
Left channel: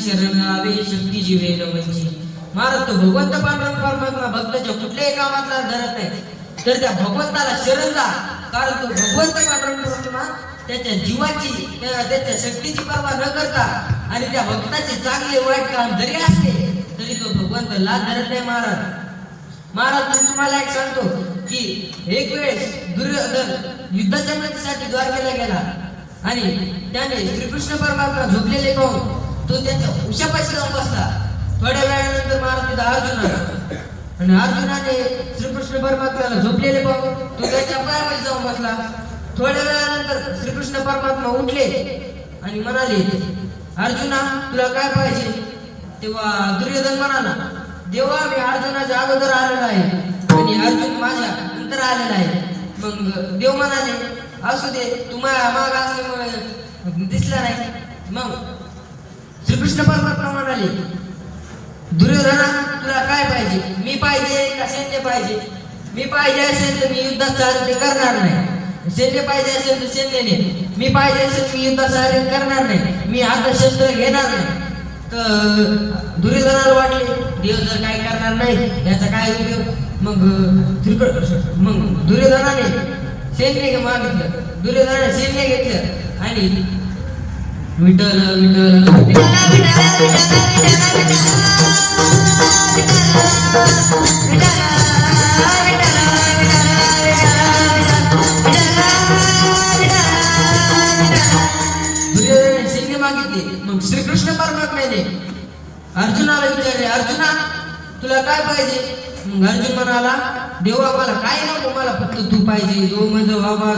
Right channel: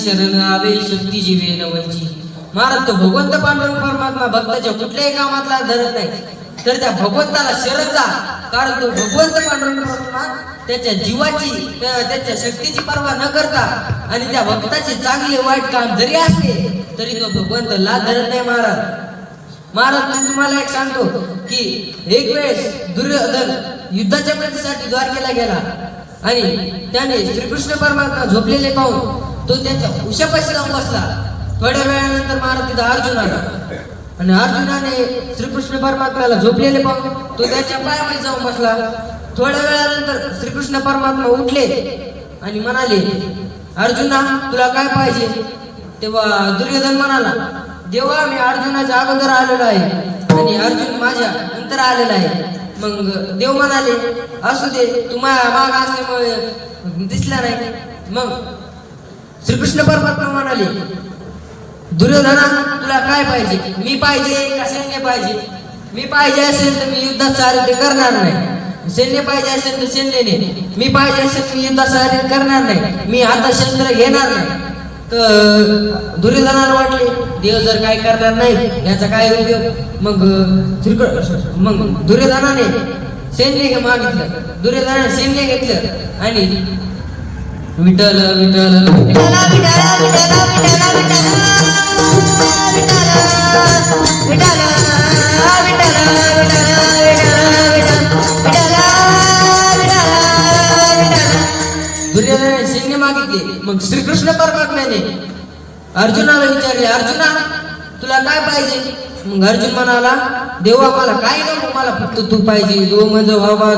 शरण आवे शक्ती जीवे नवंची. महाराज तो भगवंत पांडुरंग परमात्मा भक्ताच्या कुठल्याही कामातला धरत नाही, तर त्या भगवंताला शरण जा. कारण तो भगवंत पांडुरंग परमात्मा त्याच्या जीवाची त्याच्या शक्तीची पर्वा न करता आणि त्या भक्ताचे चांगले वाईट काम जरी असले तरी तो भगवंत ला धरत नाही. महाराज मी तुम्हाला एक सांगतो की एक वेळेस दुर्योधन युद्धाच्या मदतीसाठी द्वारकेला गेला आणि त्याने श्रीकृष्ण परमात्मा झोपलेले पाहून तो त्याच्या उशापाशी जाऊन बसला. थोड्या वेळानंतर महाराज तिथं अर्जुन आला आणि अर्जुनाने श्रीकृष्ण परमात्म्याला झोपलेले पाहून तो त्याच्या पायामध्ये जाऊन बसला. थोड्या वेळानंतर श्रीकृष्ण परमात्मा उठले आणि म्हणाले, अर्जुना तुला काय पाहिजे? तेव्हा दुर्योधन म्हणाला, देवा मी अर्जुनाच्या अगोदर आलेलो आहे आणि अर्जुन माझ्या नंतर आलेला आहे. मग देव म्हणाले, असू दे, तू माग असल्यामुळे दिसला नाही. मग श्रीकृष्ण परमात्मा म्हणाले, दुर्योधना तुला काय पाहिजे? मी पाहिजे का सैन्य पाहिजे? मी पाहिजे असेल तर मी युद्धात सारथे करणार नाही. सैन्य पाहिजे असेल तर सैन्याने. मी पाहिजे असेल मी युद्धात सारथे करणार नाही. मी आता शस्त्र घेणार नाही. तर दुर्योधनाला वाटले देव जर काय करणार नाही याचा काय उपयोग. मग दुर्योधनाने सैन्य मागितलं. दुर्योधनाने सैन्य घेतलं आणि विठ्ठल विठ्ठल दुर्योधनाने सैन्य मागितले. मग श्रीकृष्ण परमात्म्याने अर्जुनाला विचारले, अर्जुना तुला काय पाहिजे? मग अर्जुन म्हणाला, देवा मला काय नको, मला फक्त तू पाहिजे. जो मज व्हावा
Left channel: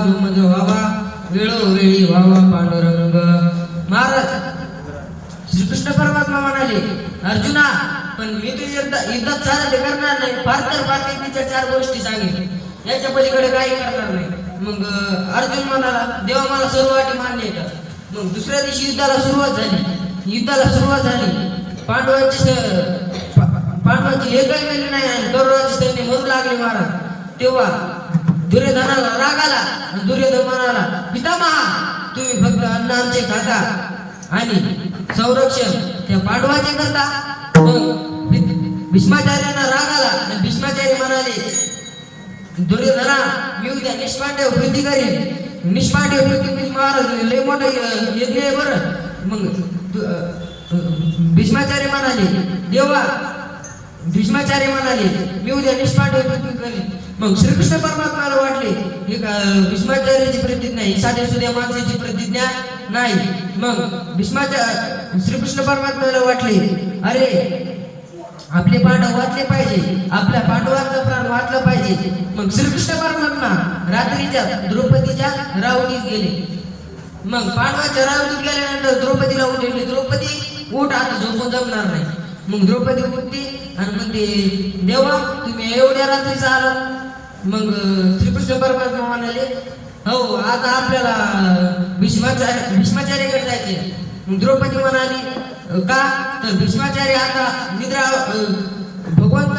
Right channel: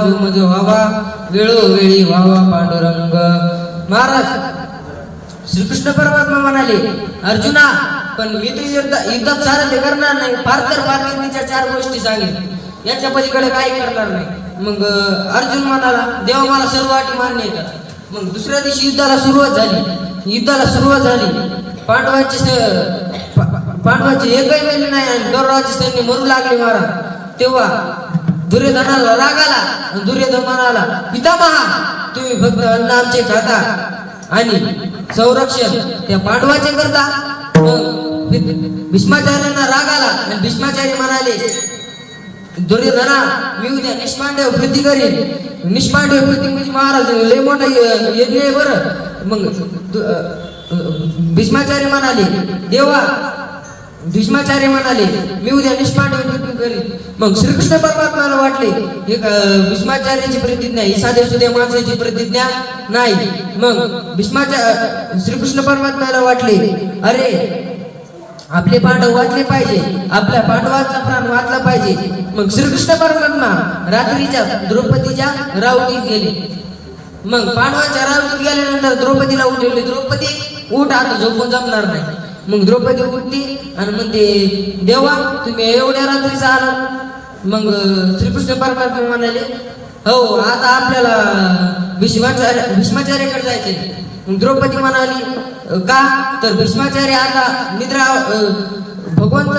वेळोवेळी व्हावा पांडुरंग. महाराज श्रीकृष्ण परमात्मा म्हणाले, अर्जुना पण मी तू युद्धात सारथे करणार नाही. फार तर फार मी तिच्या 4 गोष्टी सांगेन, याच्या पलीकडे काही करणार नाही. मग अर्जुन म्हणाला, देवा मला सर्व अटी मान्य येतात. मग दुसऱ्या दिवशी युद्धाला सुरुवात झाली. पांडवाची एकही मेली नाही आणि कौरवाची सैन्य मरू लागले. महाराज तेव्हा दुर्योधनाला राग आला. दुर्योधन म्हणाला, पितामहा तुम्ही फक्त अन्न आमचे खाता आणि संरक्षण त्या पांडवाचे करता. भीष्माचार्यांना राग आला आणि भीष्माचार्य म्हणाले, दुर्योधना मी उद्या निष्पांडव कृती करेन. निष्पांडव कृती म्हणजे महाराज लय मोठा यज्ञ आहे बरं. मग भीष्माचार्य म्हणाले, देवा भीष्माचार्य म्हणाले मी उद्या निष्पांडव कृती करेन. मग श्रीकृष्ण परमात्म्याला वाटले हे भीष्माचार्याची प्रतिज्ञा ही साध्या सुध्या माणसाची प्रतिज्ञा नाही. मग श्रीकृष्ण परमात्म्याला वाटले, अरे आपले पांडव वाचले पाहिजे, आपल्या पांडवांचा प्राण वाचला पाहिजे. मग श्रीकृष्ण परमात्मा रात्रीच्या द्रौपदीच्या रावणीत गेले. मग पांडवांच्या रावणीत गेल्यानंतर द्रौपदीला उठवले, द्रौपदी उठ, आता झोपून जमणार नाही. मग द्रौपदी उठते आणि म्हणते, देवा तुम्ही एवढ्या रात्रीच आला? मग श्रीकृष्ण परमात्मा म्हणाले, हो आता आपल्याला भीष्माचार्याकडे जायचे. मग द्रौपदी म्हणाली, का? तर भीष्माचार्य आता निद्रा भगवंत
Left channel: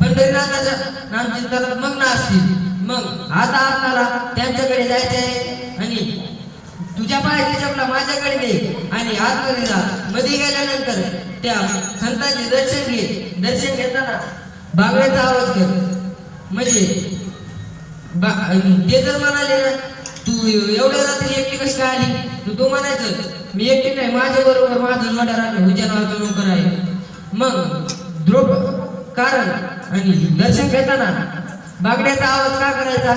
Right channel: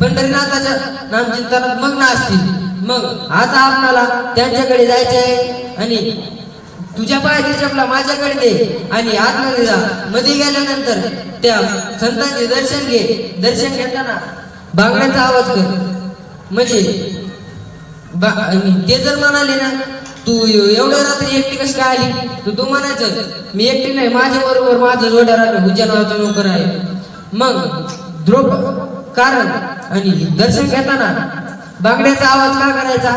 पंढरीनाथाच्या नामचिंतनात मग्न असतील. मग आता आपल्याला त्यांच्याकडे जायचे आहे आणि तुझ्या पायाची चपला माझ्याकडे दे आणि आतमध्ये जा. मध्ये गेल्यानंतर त्या संतांचे दर्शन घे. दर्शन घेताना बांगड्यांचा आवाज कर. म्हणजे ते जर म्हणाले ना, तू एवढ्या रात्री एकटी कशी काय आली, तू म्हणायचं मी एकटी नाही, माझ्या बरोबर माझं जोड्या राहणे हुज्जन नावाचा नोकर आहे. मग कारण आणि दर्शन घेताना बांगड्याचा आवाज का करायचा?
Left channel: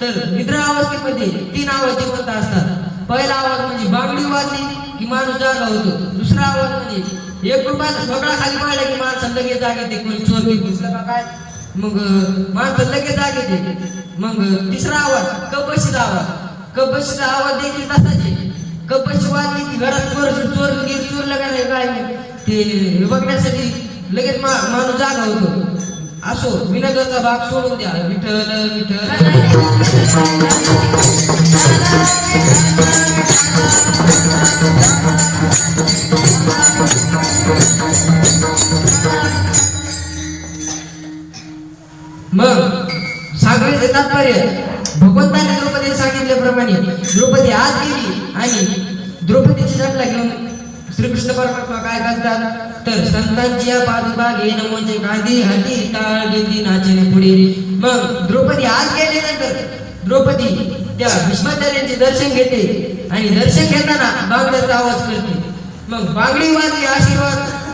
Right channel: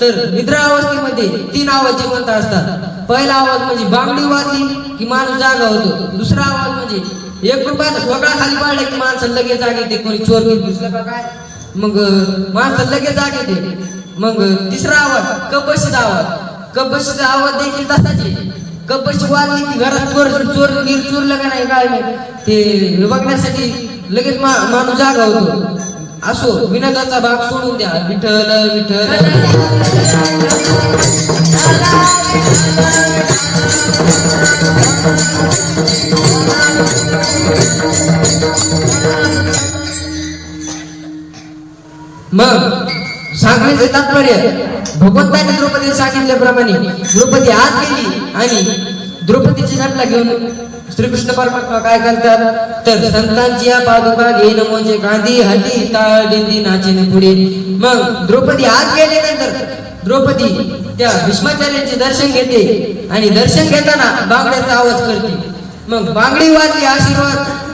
तर निद्रा अवस्थेमध्ये 3 आवाज जिवंत असतात. पहिला आवाज म्हणजे बांगडी वाजली की माणूस जागा होतो. दुसरा आवाज म्हणजे एक रुपयाचा ठोकळा खाली पाडला की माणसं लगेच जाग येते. कोणी चोर घेत घुसला का काय, मग माणसं लगेच जाग येते. मग तिसरा आवाज कपबशीचा आवाज. कपबशीचा आवाज देखील तसाच आहे. कपबशी वाजली की घरात चोरलं का नाही काय नाही ते बघण्यासाठी लगेच माणूस जागा होतो. असो विनोदाचा भाग सोडून द्या. विठ्ठल विठ्ठल मग सांगण्याचे तात्पर्य भगवंतांनी द्रौपदीला सांगितल्याप्रमाणे द्रौपदी आत गेली आणि द्रौपदीची नटला घेऊन श्रीकृष्ण परमात्मा काय करतात तर संतांची या पादुका घे नमोचे गांधी हाती टाळ दिंडी नाचेने पुढे. मग द्रौपदी आत गेल्यानंतर द्रौपदी त्या भीष्माचार्यांचे दर्शन घेते आणि दर्शन घेताना बांगड्याचा आवाज करते. मग बांगडी वाजली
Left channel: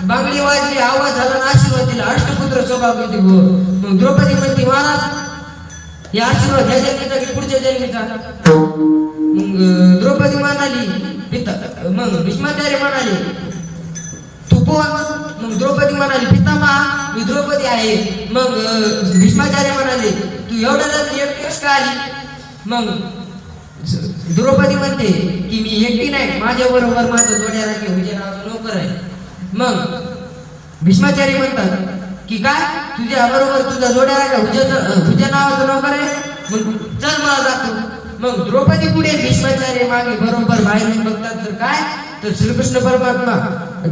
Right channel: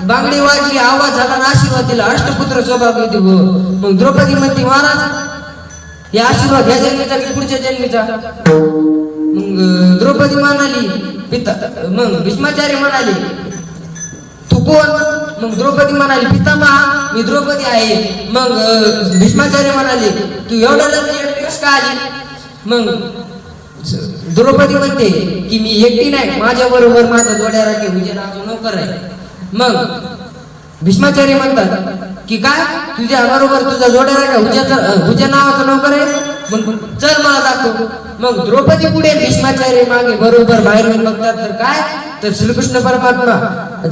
बांगडी वाजली आवाज झाला आणि आशीर्वाद दिला. अष्टपुत्र सौभाग्य हो. मग द्रौपदी म्हणते महाराज हे आशीर्वाद ह्या जन्मीचा की पुढच्या जन्मीचा. मग द्रौपदी म्हणाली पिता. मग भीष्माचार्य म्हणाले तू कोण. मग द्रौपदी म्हणाली पितामहा मी द्रौपदी आहे. मग भीष्माचार्य म्हणाले तू एवढ्या एकटीच का आली. मग द्रौपदी म्हणते की मी एकटी नाही माझ्या बरोबर माझा जोड्याराठी विजय नावाचा नौकर आहे. मग भीष्माचार्य म्हणतात की काय तुझ्या बरोबर तुझा जोड्याराठी हुजा नावाचा नौकर आहे. मग चल मला जातो. मग द्रौपदी पुढे भीष्माचार्य मागे बरोबर बाहेर येऊन बघतात तर काय तर श्रीकृष्ण परमात्मा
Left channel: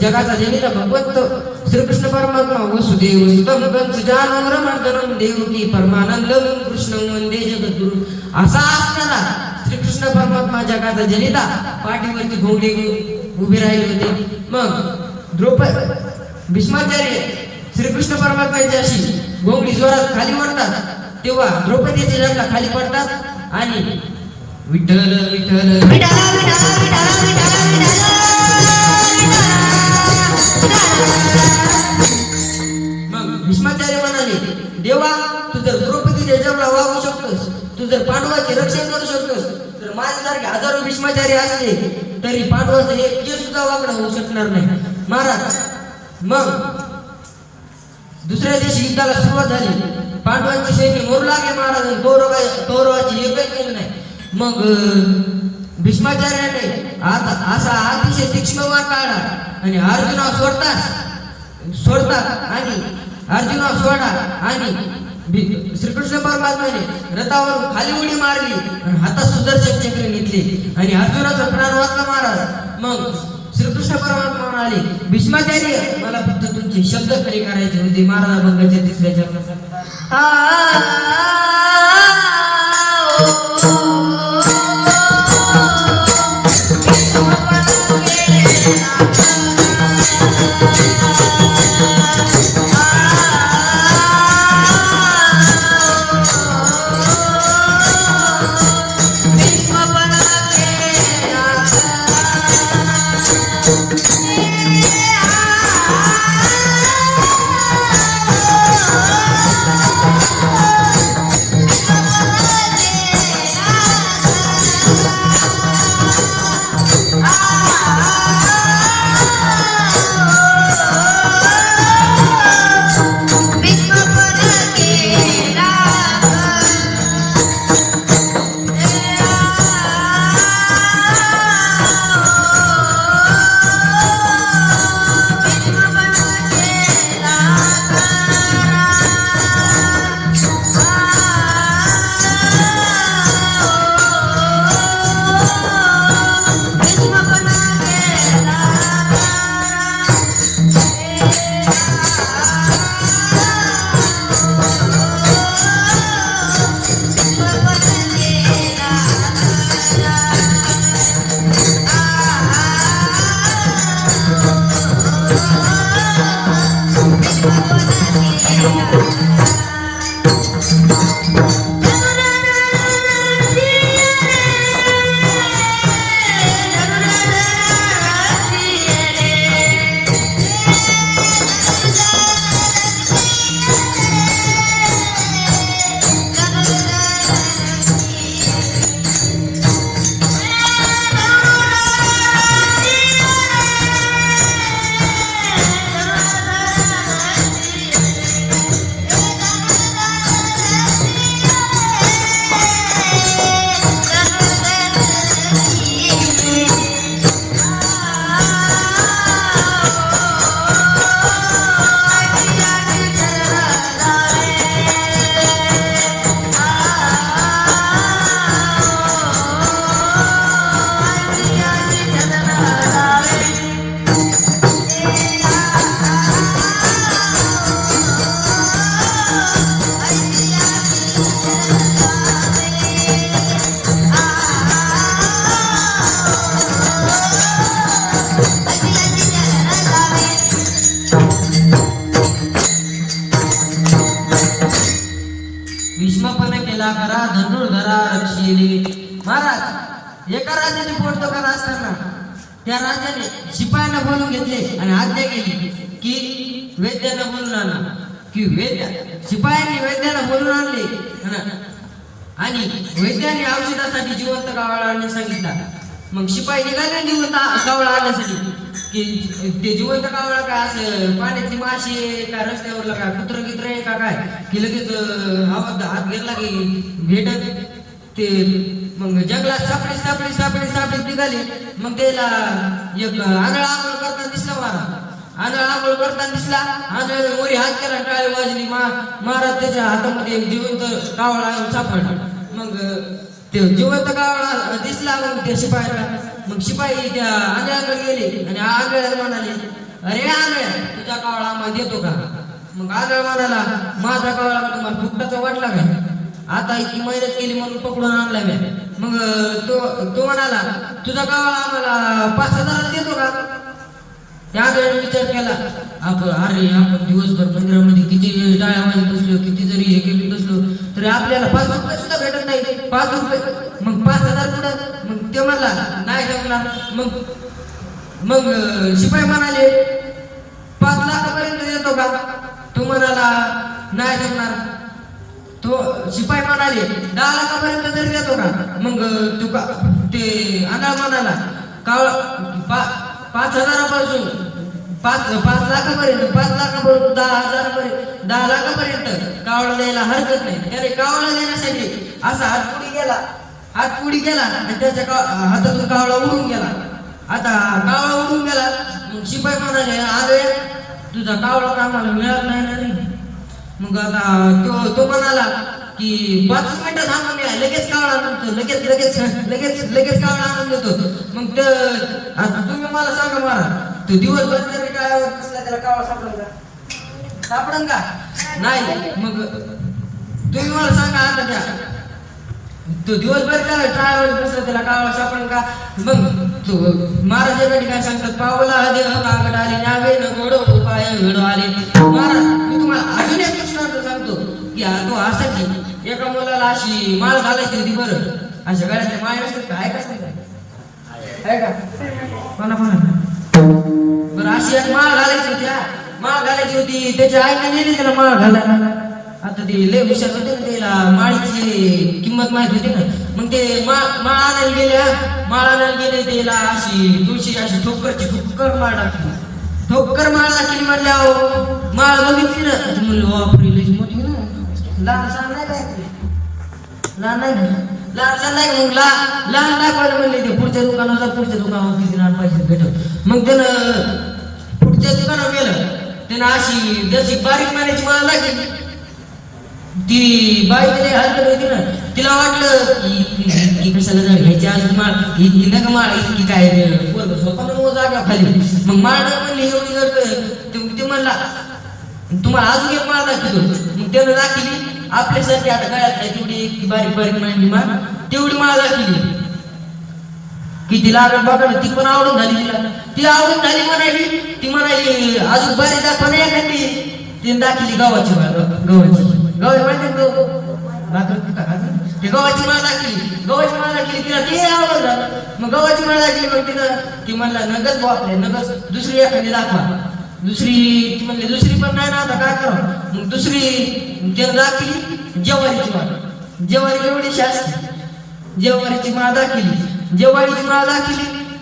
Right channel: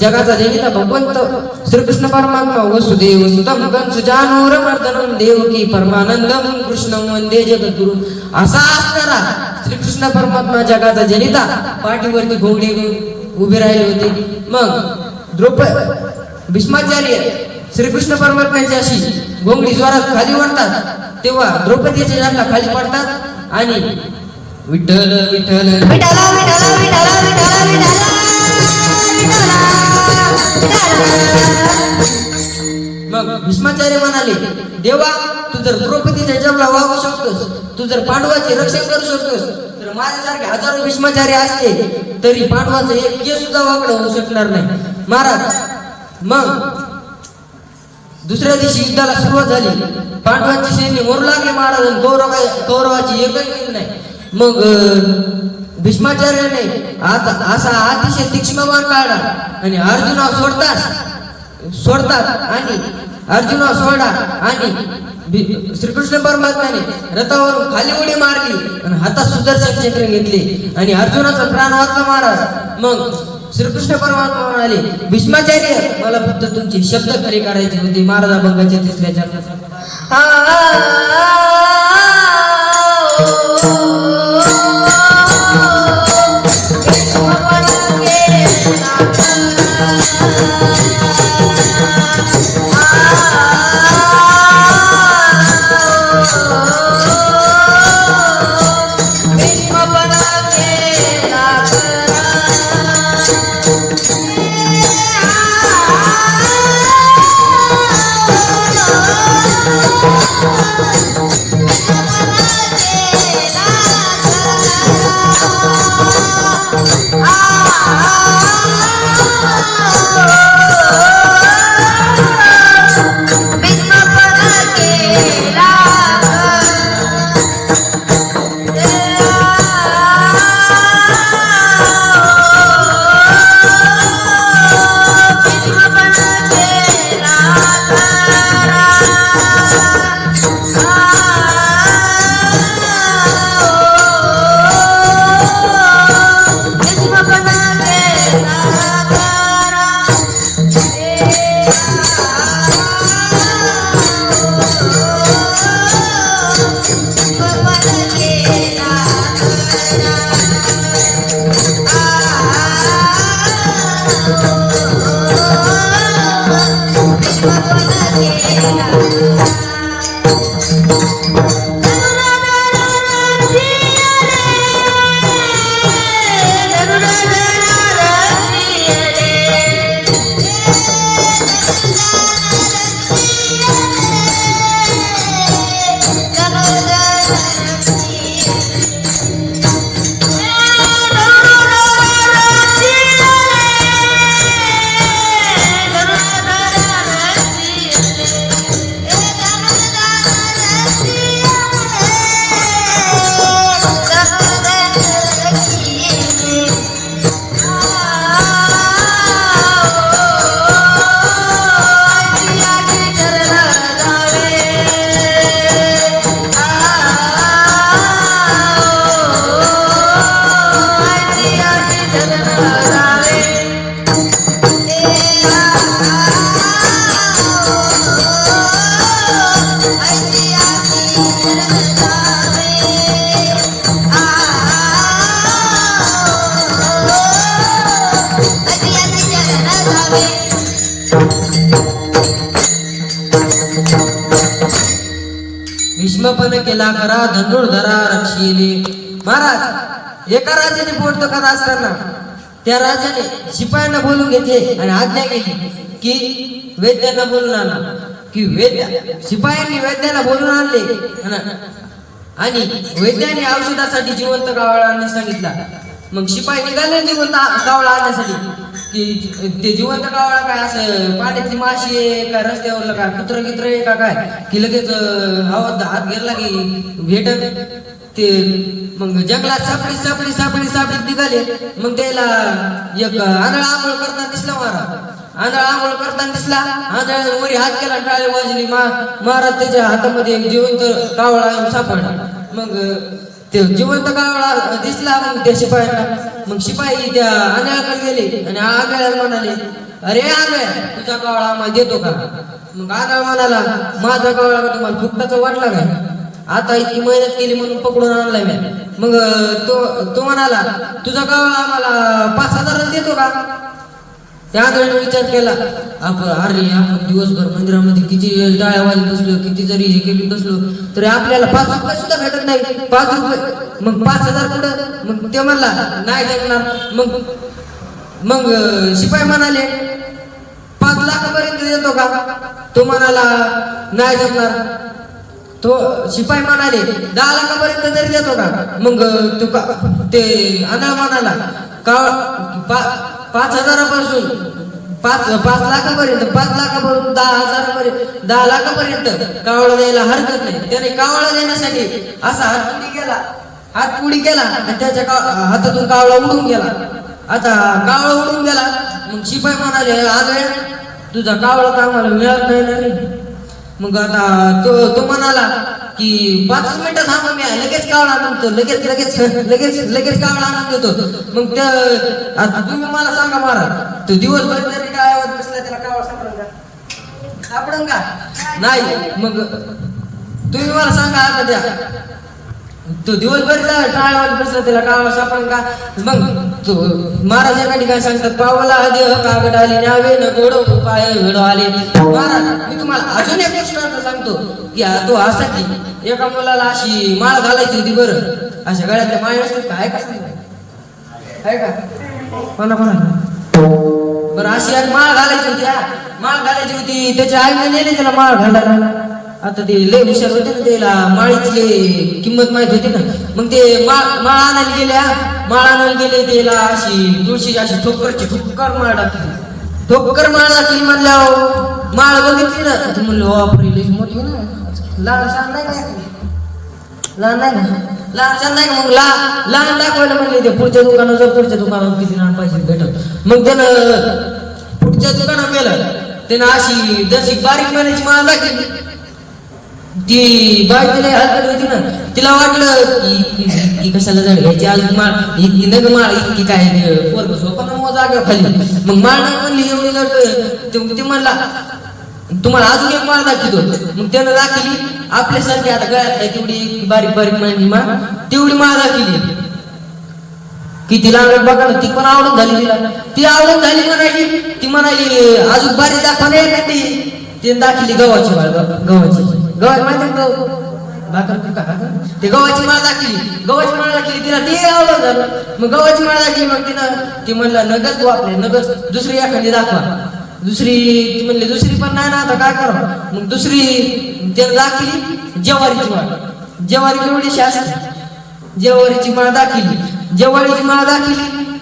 जगाचा जनिता भगवंत श्रीकृष्ण परमात्मा वसुदेव सुतम कंस जानूरमर्दनम देवकी परमानंदम कृष्णं वंदे जगद्गुरु असा असणारा श्रीकृष्ण परमात्मा जगाचा जनिता पाठीवरती घोंगडी उभे राहिले होते. मग भीष्माचार्य श्रीकृष्ण परमात्म्याची अशी घोंगडी जोरात खाली ओढतात तेव्हा द्रौपदीचे झंडा खाली पडतात आणि विठ्ठल विठ्ठल मग भीष्माचार्य म्हणाले देवा तू जर द्रौपदीच्या जबला वागू शकतोस तू जर पांडवाचे रक्षण करू शकतोस तर माझ्यासारखे हजारो भीष्माचार्य असते तरी पांडवाचं एक केस सुद्धा वाकडं होऊ शकणार नाही महाराज. मग दुसऱ्या दिवशी युद्धाला सुरुवात झाली. पांडवांचे सैन्य मरू लागले महाराज. कौरवाची एकही गेली नाही. मग भीष्माचार्याने आता असा अतिशय तीक्ष्ण मार काढला आणि अर्जुना सोडतात आणि अर्जुना सोडा आणि श्रीकृष्ण परमात्म्याने रथावरून खाली उडी मारली आणि हातात सुदर्शन चक्र घेतले आणि अर्जुनाचा प्राण वाचला महाराज. मग श्रीकृष्ण परमात्मा म्हणाले भीष्माचार्य मला फक्त तुमचे शब्द खरे करायचे होते. महाराज भंगाच्या तिसऱ्या चरणात महाराज एका राजाची पोटदुखा असताना त्या राजाने शिपायांना बोलून घेतले आणि आज्ञा केली की वैद्यांना बोलून आणा. की शिपायांनी वैद्याला बोलून आणले आणि वैद्याने औषधासाठी जिवंत कावळा आणण्यास सांगितला. मग शिपाई निघाले जिवंत कावळा आणण्यासाठी. की ते जिवंत कावळा काय असं पाण्यातली माशी आहे का रस्त्यावरला काय कुत्र गित्र आहे का काय की लगेच आवाज हात घेतला की भेटत ते. मग जंगलात सापडी सापडी सापडी सापडी निघाले. मग त्याला एक आंधळा आंघोळ करताना दिसला महाराज. आंधळा आंघोळ करताना दिसला. आंधळ्याने वरी हात केला टाळी वाजली. महाराज त्याच्या हातामध्ये जिवंत कावळा सापडला. मग ते जिवंत कावळा दिसला. मग त्या शिपायांना. मग शिपाई त्या आंधळ्याकडे गेले आणि आंधळ्याला म्हणाले अरे आंधळ्या तुझा कावळा आम्हाला देतो का. मग आंधळा म्हणाला माझा कावळा का तुम्हाला फुकटाचा वाटला काय. आता इतकी मेहनत केली म्हणून पकडून आणला मी. मग तो म्हणाला तुझा कावळा आम्हाला 5,000 देतो का. त्या आंधळ्याने विचार केला अरे आपण दिवसभर मंदिरामध्ये किती टाळ्या वाजत बसलो किती जरी हे केली बसलो तरी आपल्याला 5 रुपये सुद्धा भेटत नाही. 5 रुपये मग 5,000 कुठं. मग ते म्हणला नाही जमणार. मग शिपाई म्हणाले 5 लाखापर्यंत देतो का. तो म्हणाला नाही जमणार. तो शिपाई म्हणाले 10 लाखापर्यंत तरी देतो का. मग ते आंधळा म्हणाला 5,000पासून 5 लाखापर्यंत 5 लाखापासून 10 लाखापर्यंत कावळा द्यायला हरकत नाही. त्याने कावळा देण्यासाठी असा हात पुढे केला आणि त्याच्या हातातून कावळा उडून गेला. आता कावळा उडून गेला. मग शिपाई म्हणाले आले तुझा कावळा तर आम्हाला मिळत नाही ना रे. मग आता तो म्हणाला की 5 मिनिटं थांबा मी लगेच कावळा आणतो लगेच लगेच लगेच लगेच कावळा आणून देतो. मग आता तुम्ही मला सांगा महाराज तो दिवसभर जरी टाळ्यावर बसला त्याला कावळा सापडन का नाही. मग तुम्ही मला सांगा आता द्या तो दिवसभर टाळ्यावर बसला त्याला कावळा सापडन का. मग तो महाराज एका ठिकाणी सांगतात पावला देह कागड आले नावे न गोडो पाय घडो आले. महाराज मी तुम्हाला अजून एक दृष्टांत सांगतो की तो असा की एका मुलाला अशी माळ घालायची होती. बरं अशा गळ्यातल्या माळ असतात का आहे का सांगा आहे का कोणा बरं अशी एक माळ घालायची होती. माळ घालायची होती त्याच्या आईने नेली त्याला माळ घालायला. आता ते लय हुशार होते ना त्याला माळीची किंमत माहित होती ना. मग ते माळ आणायला गेले त्याला अशी तुळशी अशी ठोकर माळ टाकली. ठोकर माळ टाकली म्हणल्यावर माळ बघितली ना म्हणलं वापरली मोठी ना लहान सहान नाही मग लहान दाखवायला म्हणले ते पुढच्या दुकानावर किती लहान पैसे भेटत. मग त्यानं पुढच्या दुकानावर गेलं. त्यानं अशी जशी बारीक महिन्याची माळ टाकली. ती बाजूला हलकट होती ना तिला वाटलं की कशाला जर घ्यायची आज माळ इतकी नग माळ इतकी काय पोरग सोपा जागा खाली. मग माळ नाही म्हणली एवढी जर ते म्हणला तुम्हाला अजून एक माळ दाखवतो. मग त्यानं दाखवली आपल्यासारखी आता गळ्यात आहे तेवढी बारीक बारीक म्हणजे माळ तेवढी माळ दाखवली. किती लागत बघा ती पण आवडत झाली तिला. ती आवडत झाली म्हणाली. ती म्हणाली अजून बारीक दाखवणे ना ती दाखवली गव्हाची माळ. गव्हाची माहिती भाकर ते गव्हाची माळ दाखली तिला ते आवडत झालं. मग गव्हाची माळ दाखली. मग तिथं ती म्हणला नगच आपले नगच दुसरी एखादी दाखवा. ती म्हणली दुसरी पण नाही ना आता काय करावं. मग दुसरी त्यानं दाखली ज्वारीची माळ. ज्वारीची एवढी असते ज्वारीची माळ दाखली. ज्वारीची माळ दाखली.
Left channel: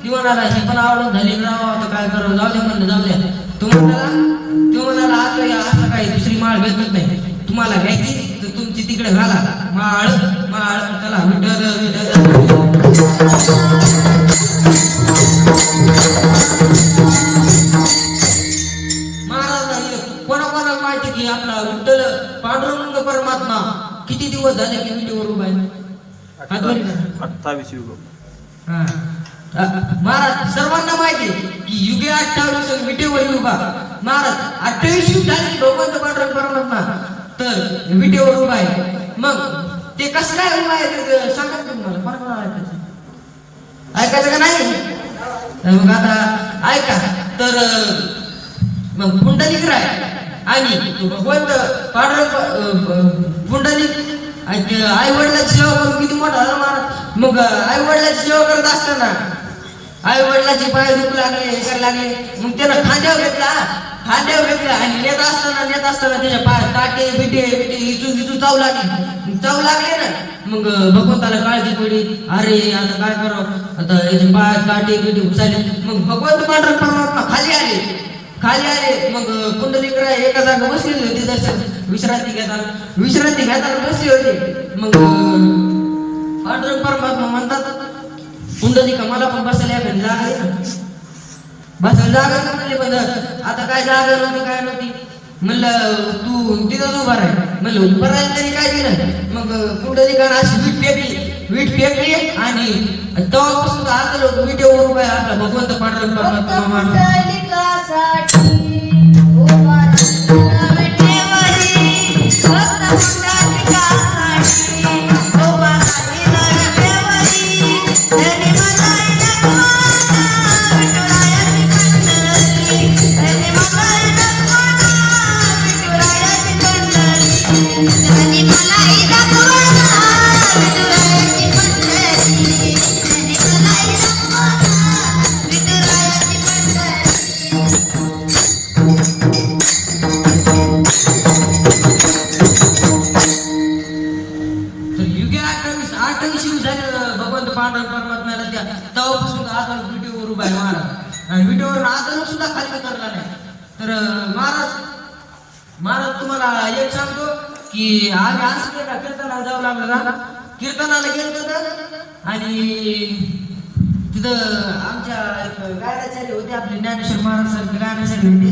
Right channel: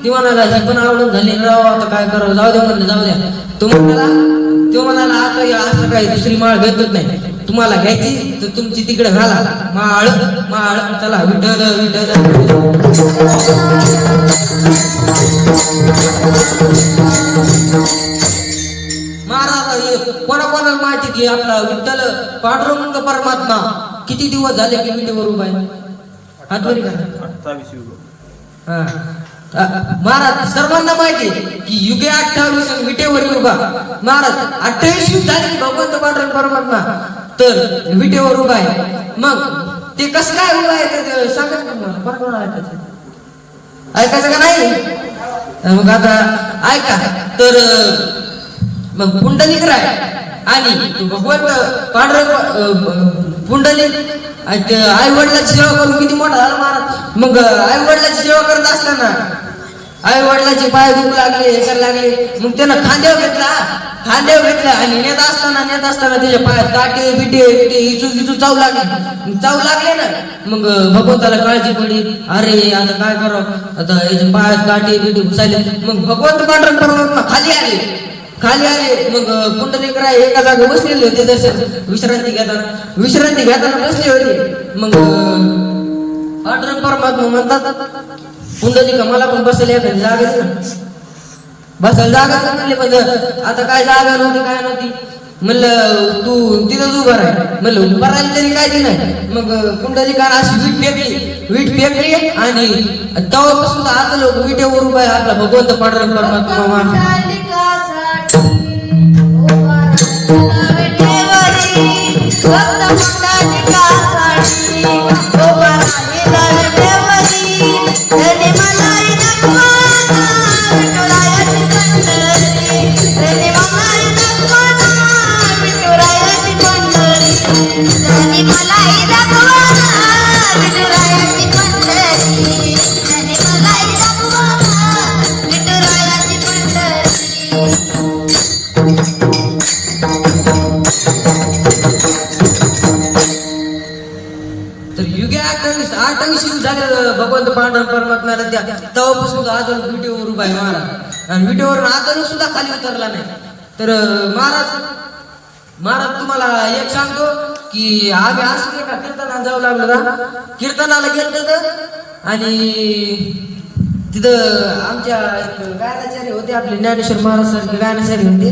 ती म्हणाला ही पण आवडत झाली राव आता काय करावं जाऊ द्या म्हणलं जाऊ द्या. तो म्हणाला आता असं काही दुसरी माळ भेटत नाही तुम्हाला घ्यायची तर तुमची तिकडे घाला माळ चला विठ्ठल महाराजांना कोणाकोणाला माहिती की आपला विठ्ठल पांडुरंग परमात्मा किती दिवस झाले की विटेवर उभा आहे. 28 युग. महाराज सर्वांना माहिती की युगे 28 विटेवर उभा. महाराज 28 युग झाले भगवंत पांडुरंग परमात्मा तर विटेवर उभा आहे. मग ते कसं काय उभा आहे ते सांगा तुम्हाला ऐकायचं का नाही. मग आता ऐका तर मग पुंडलिक राय आणि भगवंत पांडुरंग पुंडलिक आई वडिलांची सेवा करून किती मोठा झाला महाराज. मग आई वडिलाची सेवा करत असताना आई वडिलाचे पाय दुखू लागले हे करायला लागले, मग त्यानं खांद्यावर घेतला आणि नेत असताना त्याच्या पाय काटे बिटे इचून चावू लागले ना. मग भगवंताला काळजी पडली, अरे आता काय करावं, आता याचे पाय काटे बिटे घुसाले. मग भगवंत पांडुरंग परमात्मा खाली आले. मग पुंडलिकराय एका जागा बसलेले होते, दर्शन विश्रांती घेताना बसले होते. मग पांडुरंग परमात्मा म्हणतात, पुंडलिका मला पण बसायला एखादी जागा दे ना. बसायला जागा म्हणले, पण आता काय जागा नव्हती काय नव्हती. म्हणलं तू तिथंच उभा राह. म्हणलं उभा राहिली तरी काय नाही. मग पुंडलिकानं अशी वीट फेकली आणि तेव्हापासून आता लोक विटेवर उभा आहे आपला भगवंत पांडुरंग परमात्मा. भगवंत पांडुरंग परमात्म्याला द्या तेव्हापासून अजून विटेवर उभा आहे महाराज. आणि विटेवरून अजून सुद्धा खाली उतरला नाही. तर महाराज तुम्हाला एक सांगतो की आम्ही असं का कीर्तनाला जाऊ लागलो ना, कीर्तनाला गेलो तर आणि तिथं आमच्या एक गायनाचार्य होते, आपले ज्ञानेश्वर महाराज सारखे गायनाचार्य होते.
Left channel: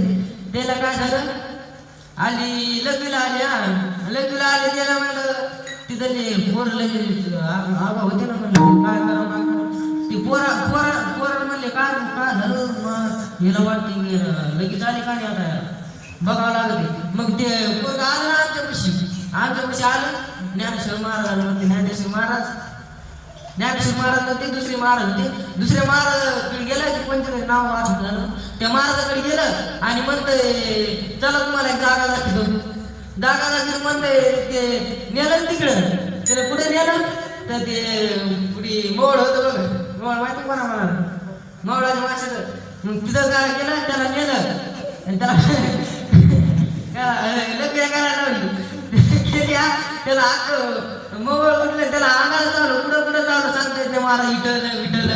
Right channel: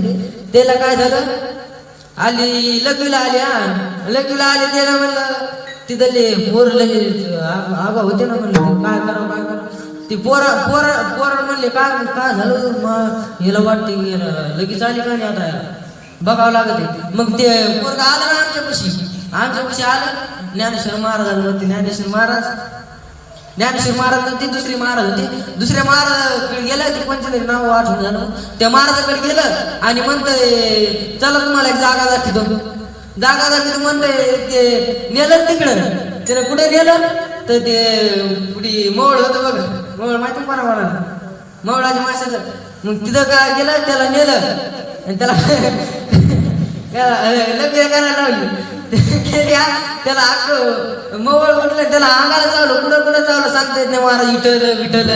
त्याला काय झालं, लग्नीला आले त्याला म्हणलं, तिथले पोर लगेच आगा होते ना. म्हणलं काय करा ते पोर म्हणले काय झालं, हिला वाटते लगेच आली का नाही, आता बघावं लागत. मग ते पोरगा आलं ना आमच्यापाशी आलं. ज्ञानेश्वर महाराजांवरती ज्ञानेश्वर महाराज ते दुसरे महाराजाकडे गेलं. ते कोणते तरी नाव आठवण झालं. त्या महाराजाकडे गेलं आणि म्हणतंय चला तुम्हाला एक जागा दाखवतो म्हणतंय. ते नेलं तिकडं. त्याला कुठे नेलं तर ते पुढे मोळ होतं बघ, मोळ माहिती कोणा मला, मोळाच्या माशाचं. मग तिथं काय केलं, त्याला नेलं आणि त्याला लग्न करायला लावली. त्याला मोळ उठलं, त्याला अंगाला चावलं, कुठं चावलं सांगता येत नाही. महाराज विठ्ठल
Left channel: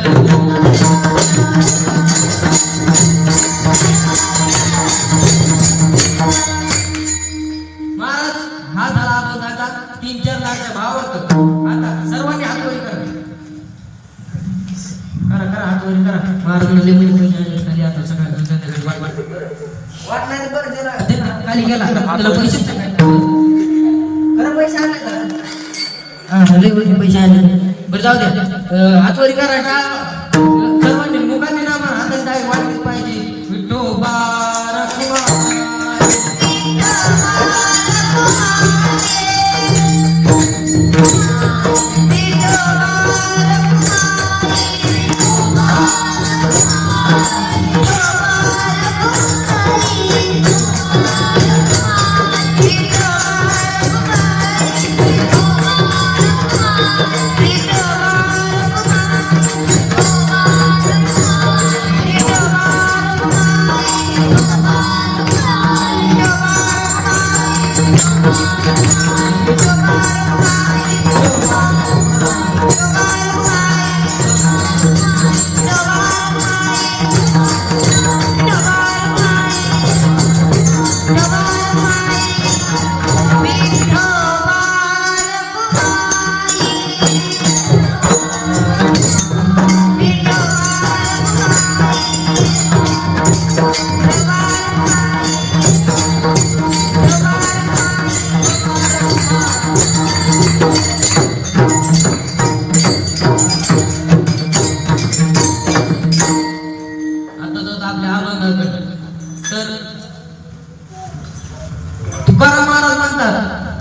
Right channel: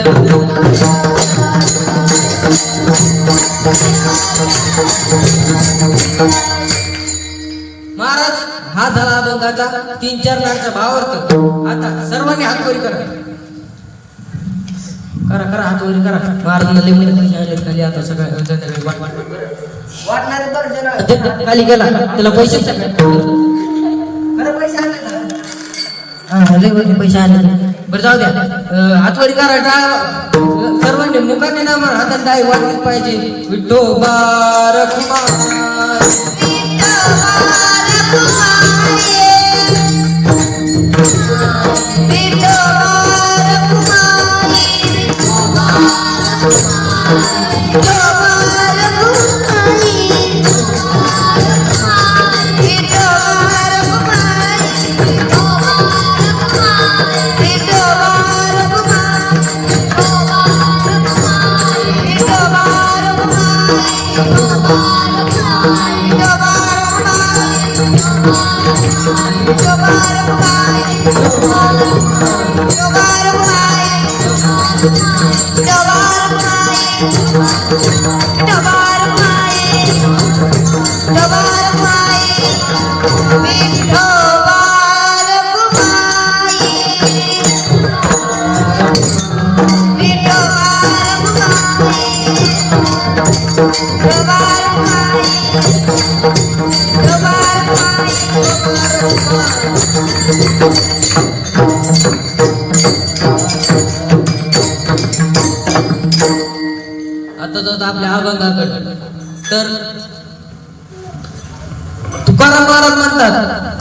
महाराज हा झाला अभंगाचा 3-4 लाखचा भावार्थ. आता सर्वांनी हातवरी करा हातवरी करा. महाराज खाली आता सगळ्या वाटणारे खाली गेला त्याला पैसे पैसे आले. बरं जाऊ द्या, हातवरी करा. सर्वांनी मुखाने ना म्हणा, हातात काय वाटलीच पाहिजे. विठोबा रखुमाई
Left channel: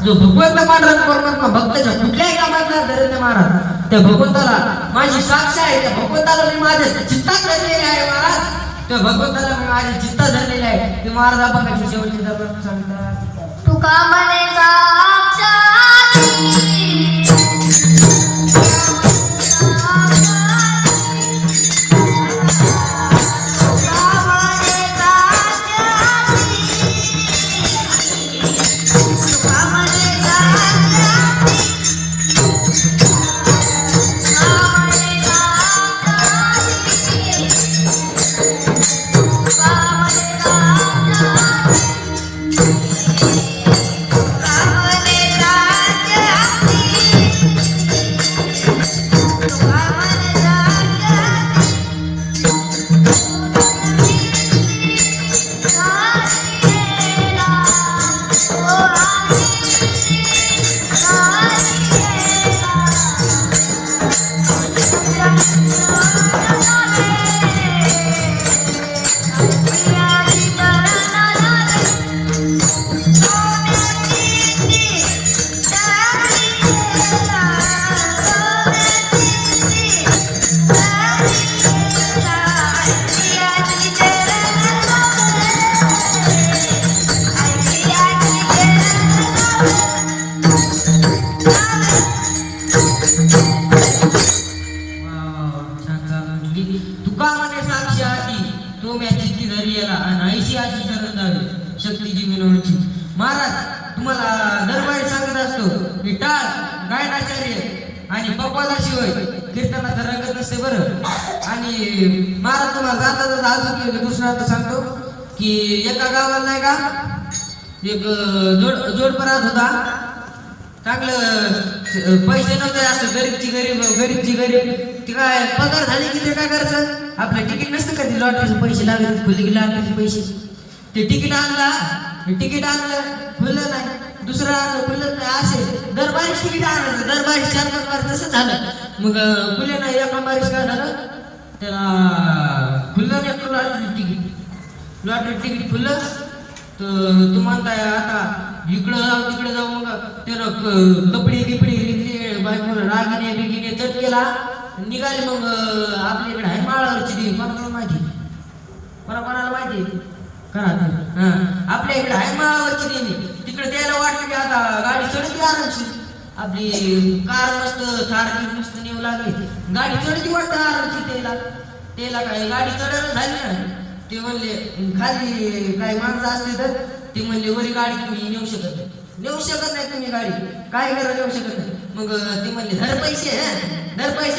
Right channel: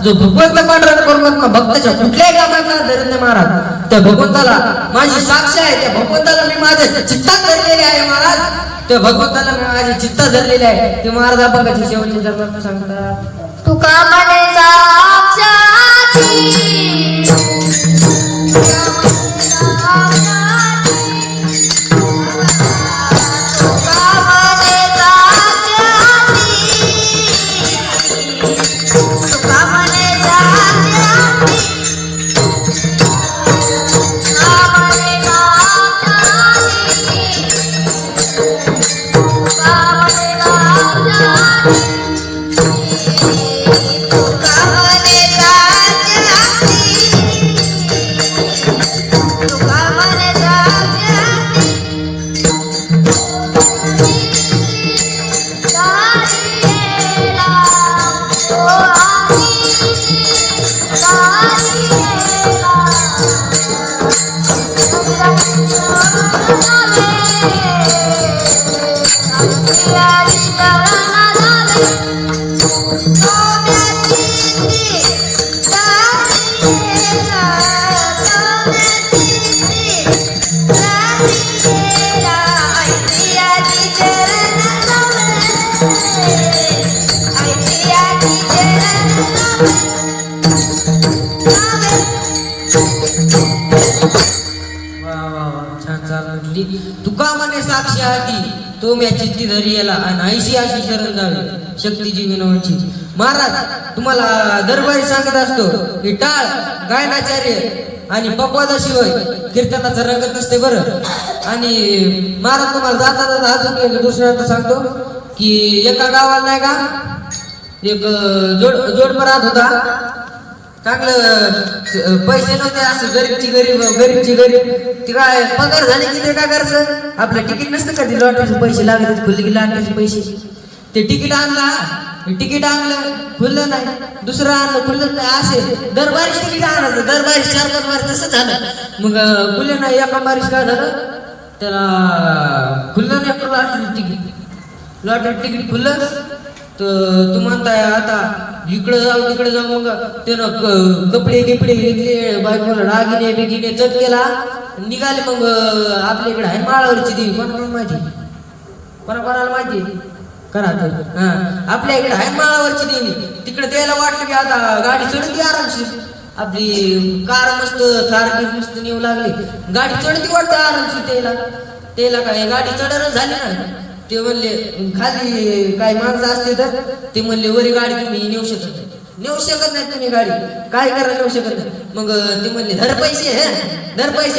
जो भगवंत पांडुरंग परमात्मा भक्ताच्या कुठल्याही कामाचा धरत नाही महाराज. त्या भगवंताला माझी साक्ष आहे. त्या भगवंताला मी माझ्या चित्तात धरलेले आहे महाराज. त्या भगवंताला मी माझे चित्त धरलेले आहे. ते महाराज अभंगाची शेवटची धर्म सांगतात. तुका म्हणे साक्षाती शक्ती तुका म्हणे साक्षी हाती तो म्या चित्ती धरी याला आणि ऐशी अशी शरण जावे शक्तीची विनवची. महाराज तुम्हाला दरबारी सांगत असतो की टाळ गायनाचार्य आणि पप्पादाशिवाय कीर्तनाचा रंगत नसते बरं. आणि महाराज तुम्हाला जाता जाता अजून दुसऱ्या सांगतो की एका गावात नाही का एक जोडपा राहत होता. चांगलं पैसे नव्हते असं गरीबची गरीब ती काय पगार झाली की ते काय करायचं आपलं तिकीट नसतं का ते लॉटरीचे पैसे लागले खुले की लॉटरीचे पैसे ते तिकीट आणलं खुललं नाही दुसरं आणलं खुललं नाही असे दरबारीच तिकीट आणायचं दरबारी 4-5 बार तसं झालं. मग खुले नाही एका बारीस काय झालं त्याला खुललं नाही लॉटरी तिकीट खुललं तर तू म्हणताय आता इकडे जाऊ मग त्यानं कपडे घेतले बायकोला रागिने बिगिने चट केला निघाले. मग आपल्या इकडे आहे माळावरची देवी कोणाला माहिती करा आपल्या इकडे आहे माळावरची देवी तिकडे द्यायला वाटलं की आता गाडी चढती आरामशीर आपली कार मस्त थारकी मस्त नेऊ लागली गाडी चढती वाटतं आरामशीर त्याला काय गाडी चढवून झाली ना ते म्हणले खाली काही माणसं असते तर ते म्हणले वरी गाडी तुम्ही नेऊ शकत नाही तुम्ही गाडी काय करा नेऊ शकत नाही. मग ते म्हणले धर पैसे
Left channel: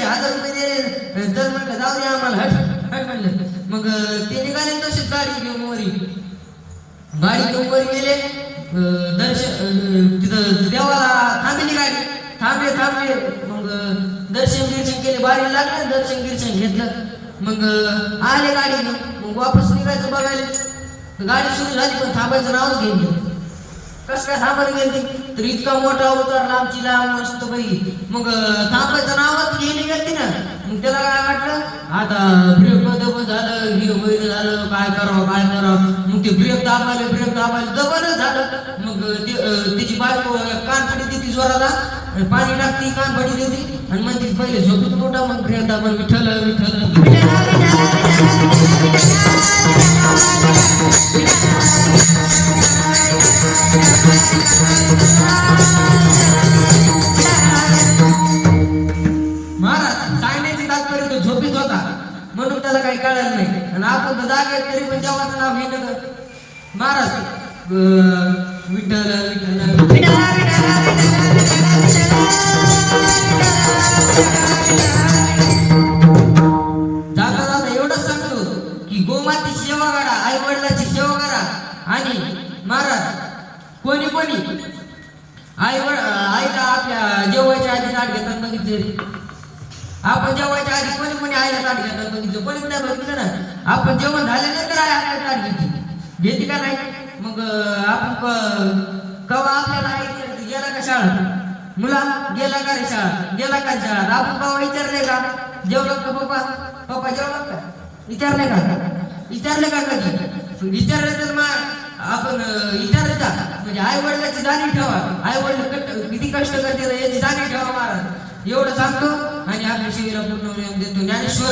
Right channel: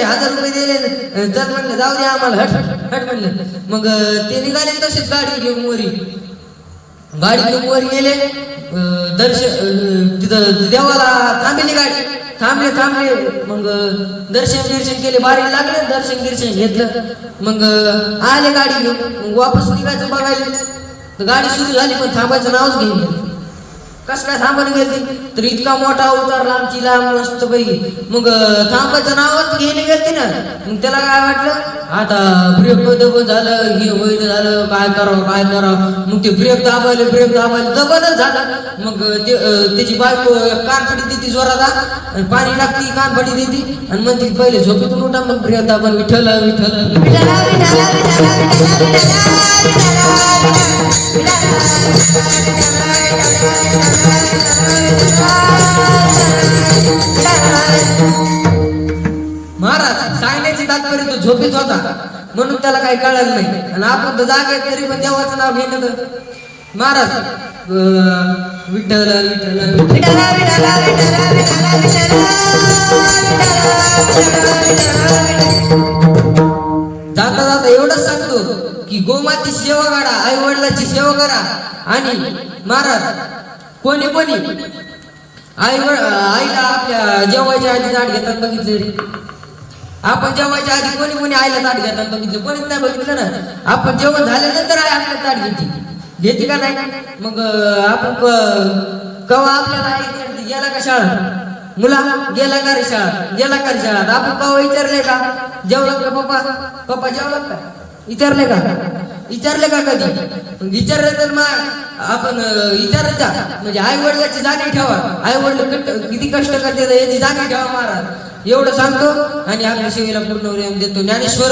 1000 रुपये दिले जर म्हणलं जाऊ दे आम्हाला हट म्हणलं. मग ते निघाले तसेच गाडी घेऊन वरी गेले तिथं देवाला थांबली गाडी थांबले मग दर्शन केले बारीक लागले दर्शन घेतलं. मग आले गाडी घेऊन मग वापस निघायचं बघायला गाडी सुरू झाली पण थांबायचं नावच घेऊन कसं काय थांबायला गेली तर इतका मोठा उतारला आमची लांब मस्त पैकी. मग थांबायचं नावच घेणे गेलती ना मग त्याला काय वाटलं आता ब्रेक दबन झालं हे वैर झालं काय करावं मग ते ब्रेक दाबायले दबनच झालं. मग त्याची बायको कानफडी देते जोराला पाणी टाकती कानफडी देते आणि म्हणते पहिले झोपेतून उठा मग ब्रेक दाबन विठ्ठल महाराज सांगण्याची तात्पर्य तो झोपेत होता म्हणून त्याला काही कळलं नाही आणि आपण तर जागे तरी पण देवाचं नाव घेणं महाराज विठ्ठल जाता एवढंच सांगतो की गोमाती सेवा करा आई वडिलांची सेवा करा. आणि महाराज कोणी आईला आपल्या जेवायच्या आधी ताट घेतात बघितले आपण जेवायच्या आधी कोणी आईला ताट घेतात बघितलं कोणीच नाही बघितलं ना. आपण जेवण झाल्यानंतर आई आपल्या ताट घेते का नाही. मग आपण कवा आपल्याला आई गेला का शाळा मुला गेला का रे शाळा आपण कवा विचारले का जेवलं का पप्पा जेवलं का विचारले का कधी विचारले तर मग आपण विचारत जा म्हणजे आई वडिलांची जाणीव ठेवा आई वडील किती कष्ट करते याची जाणीव ठेवा महाराज एवढं सांगतो आणि आपल्या शिवेला पूर्ण देतो. ज्ञानेश्वर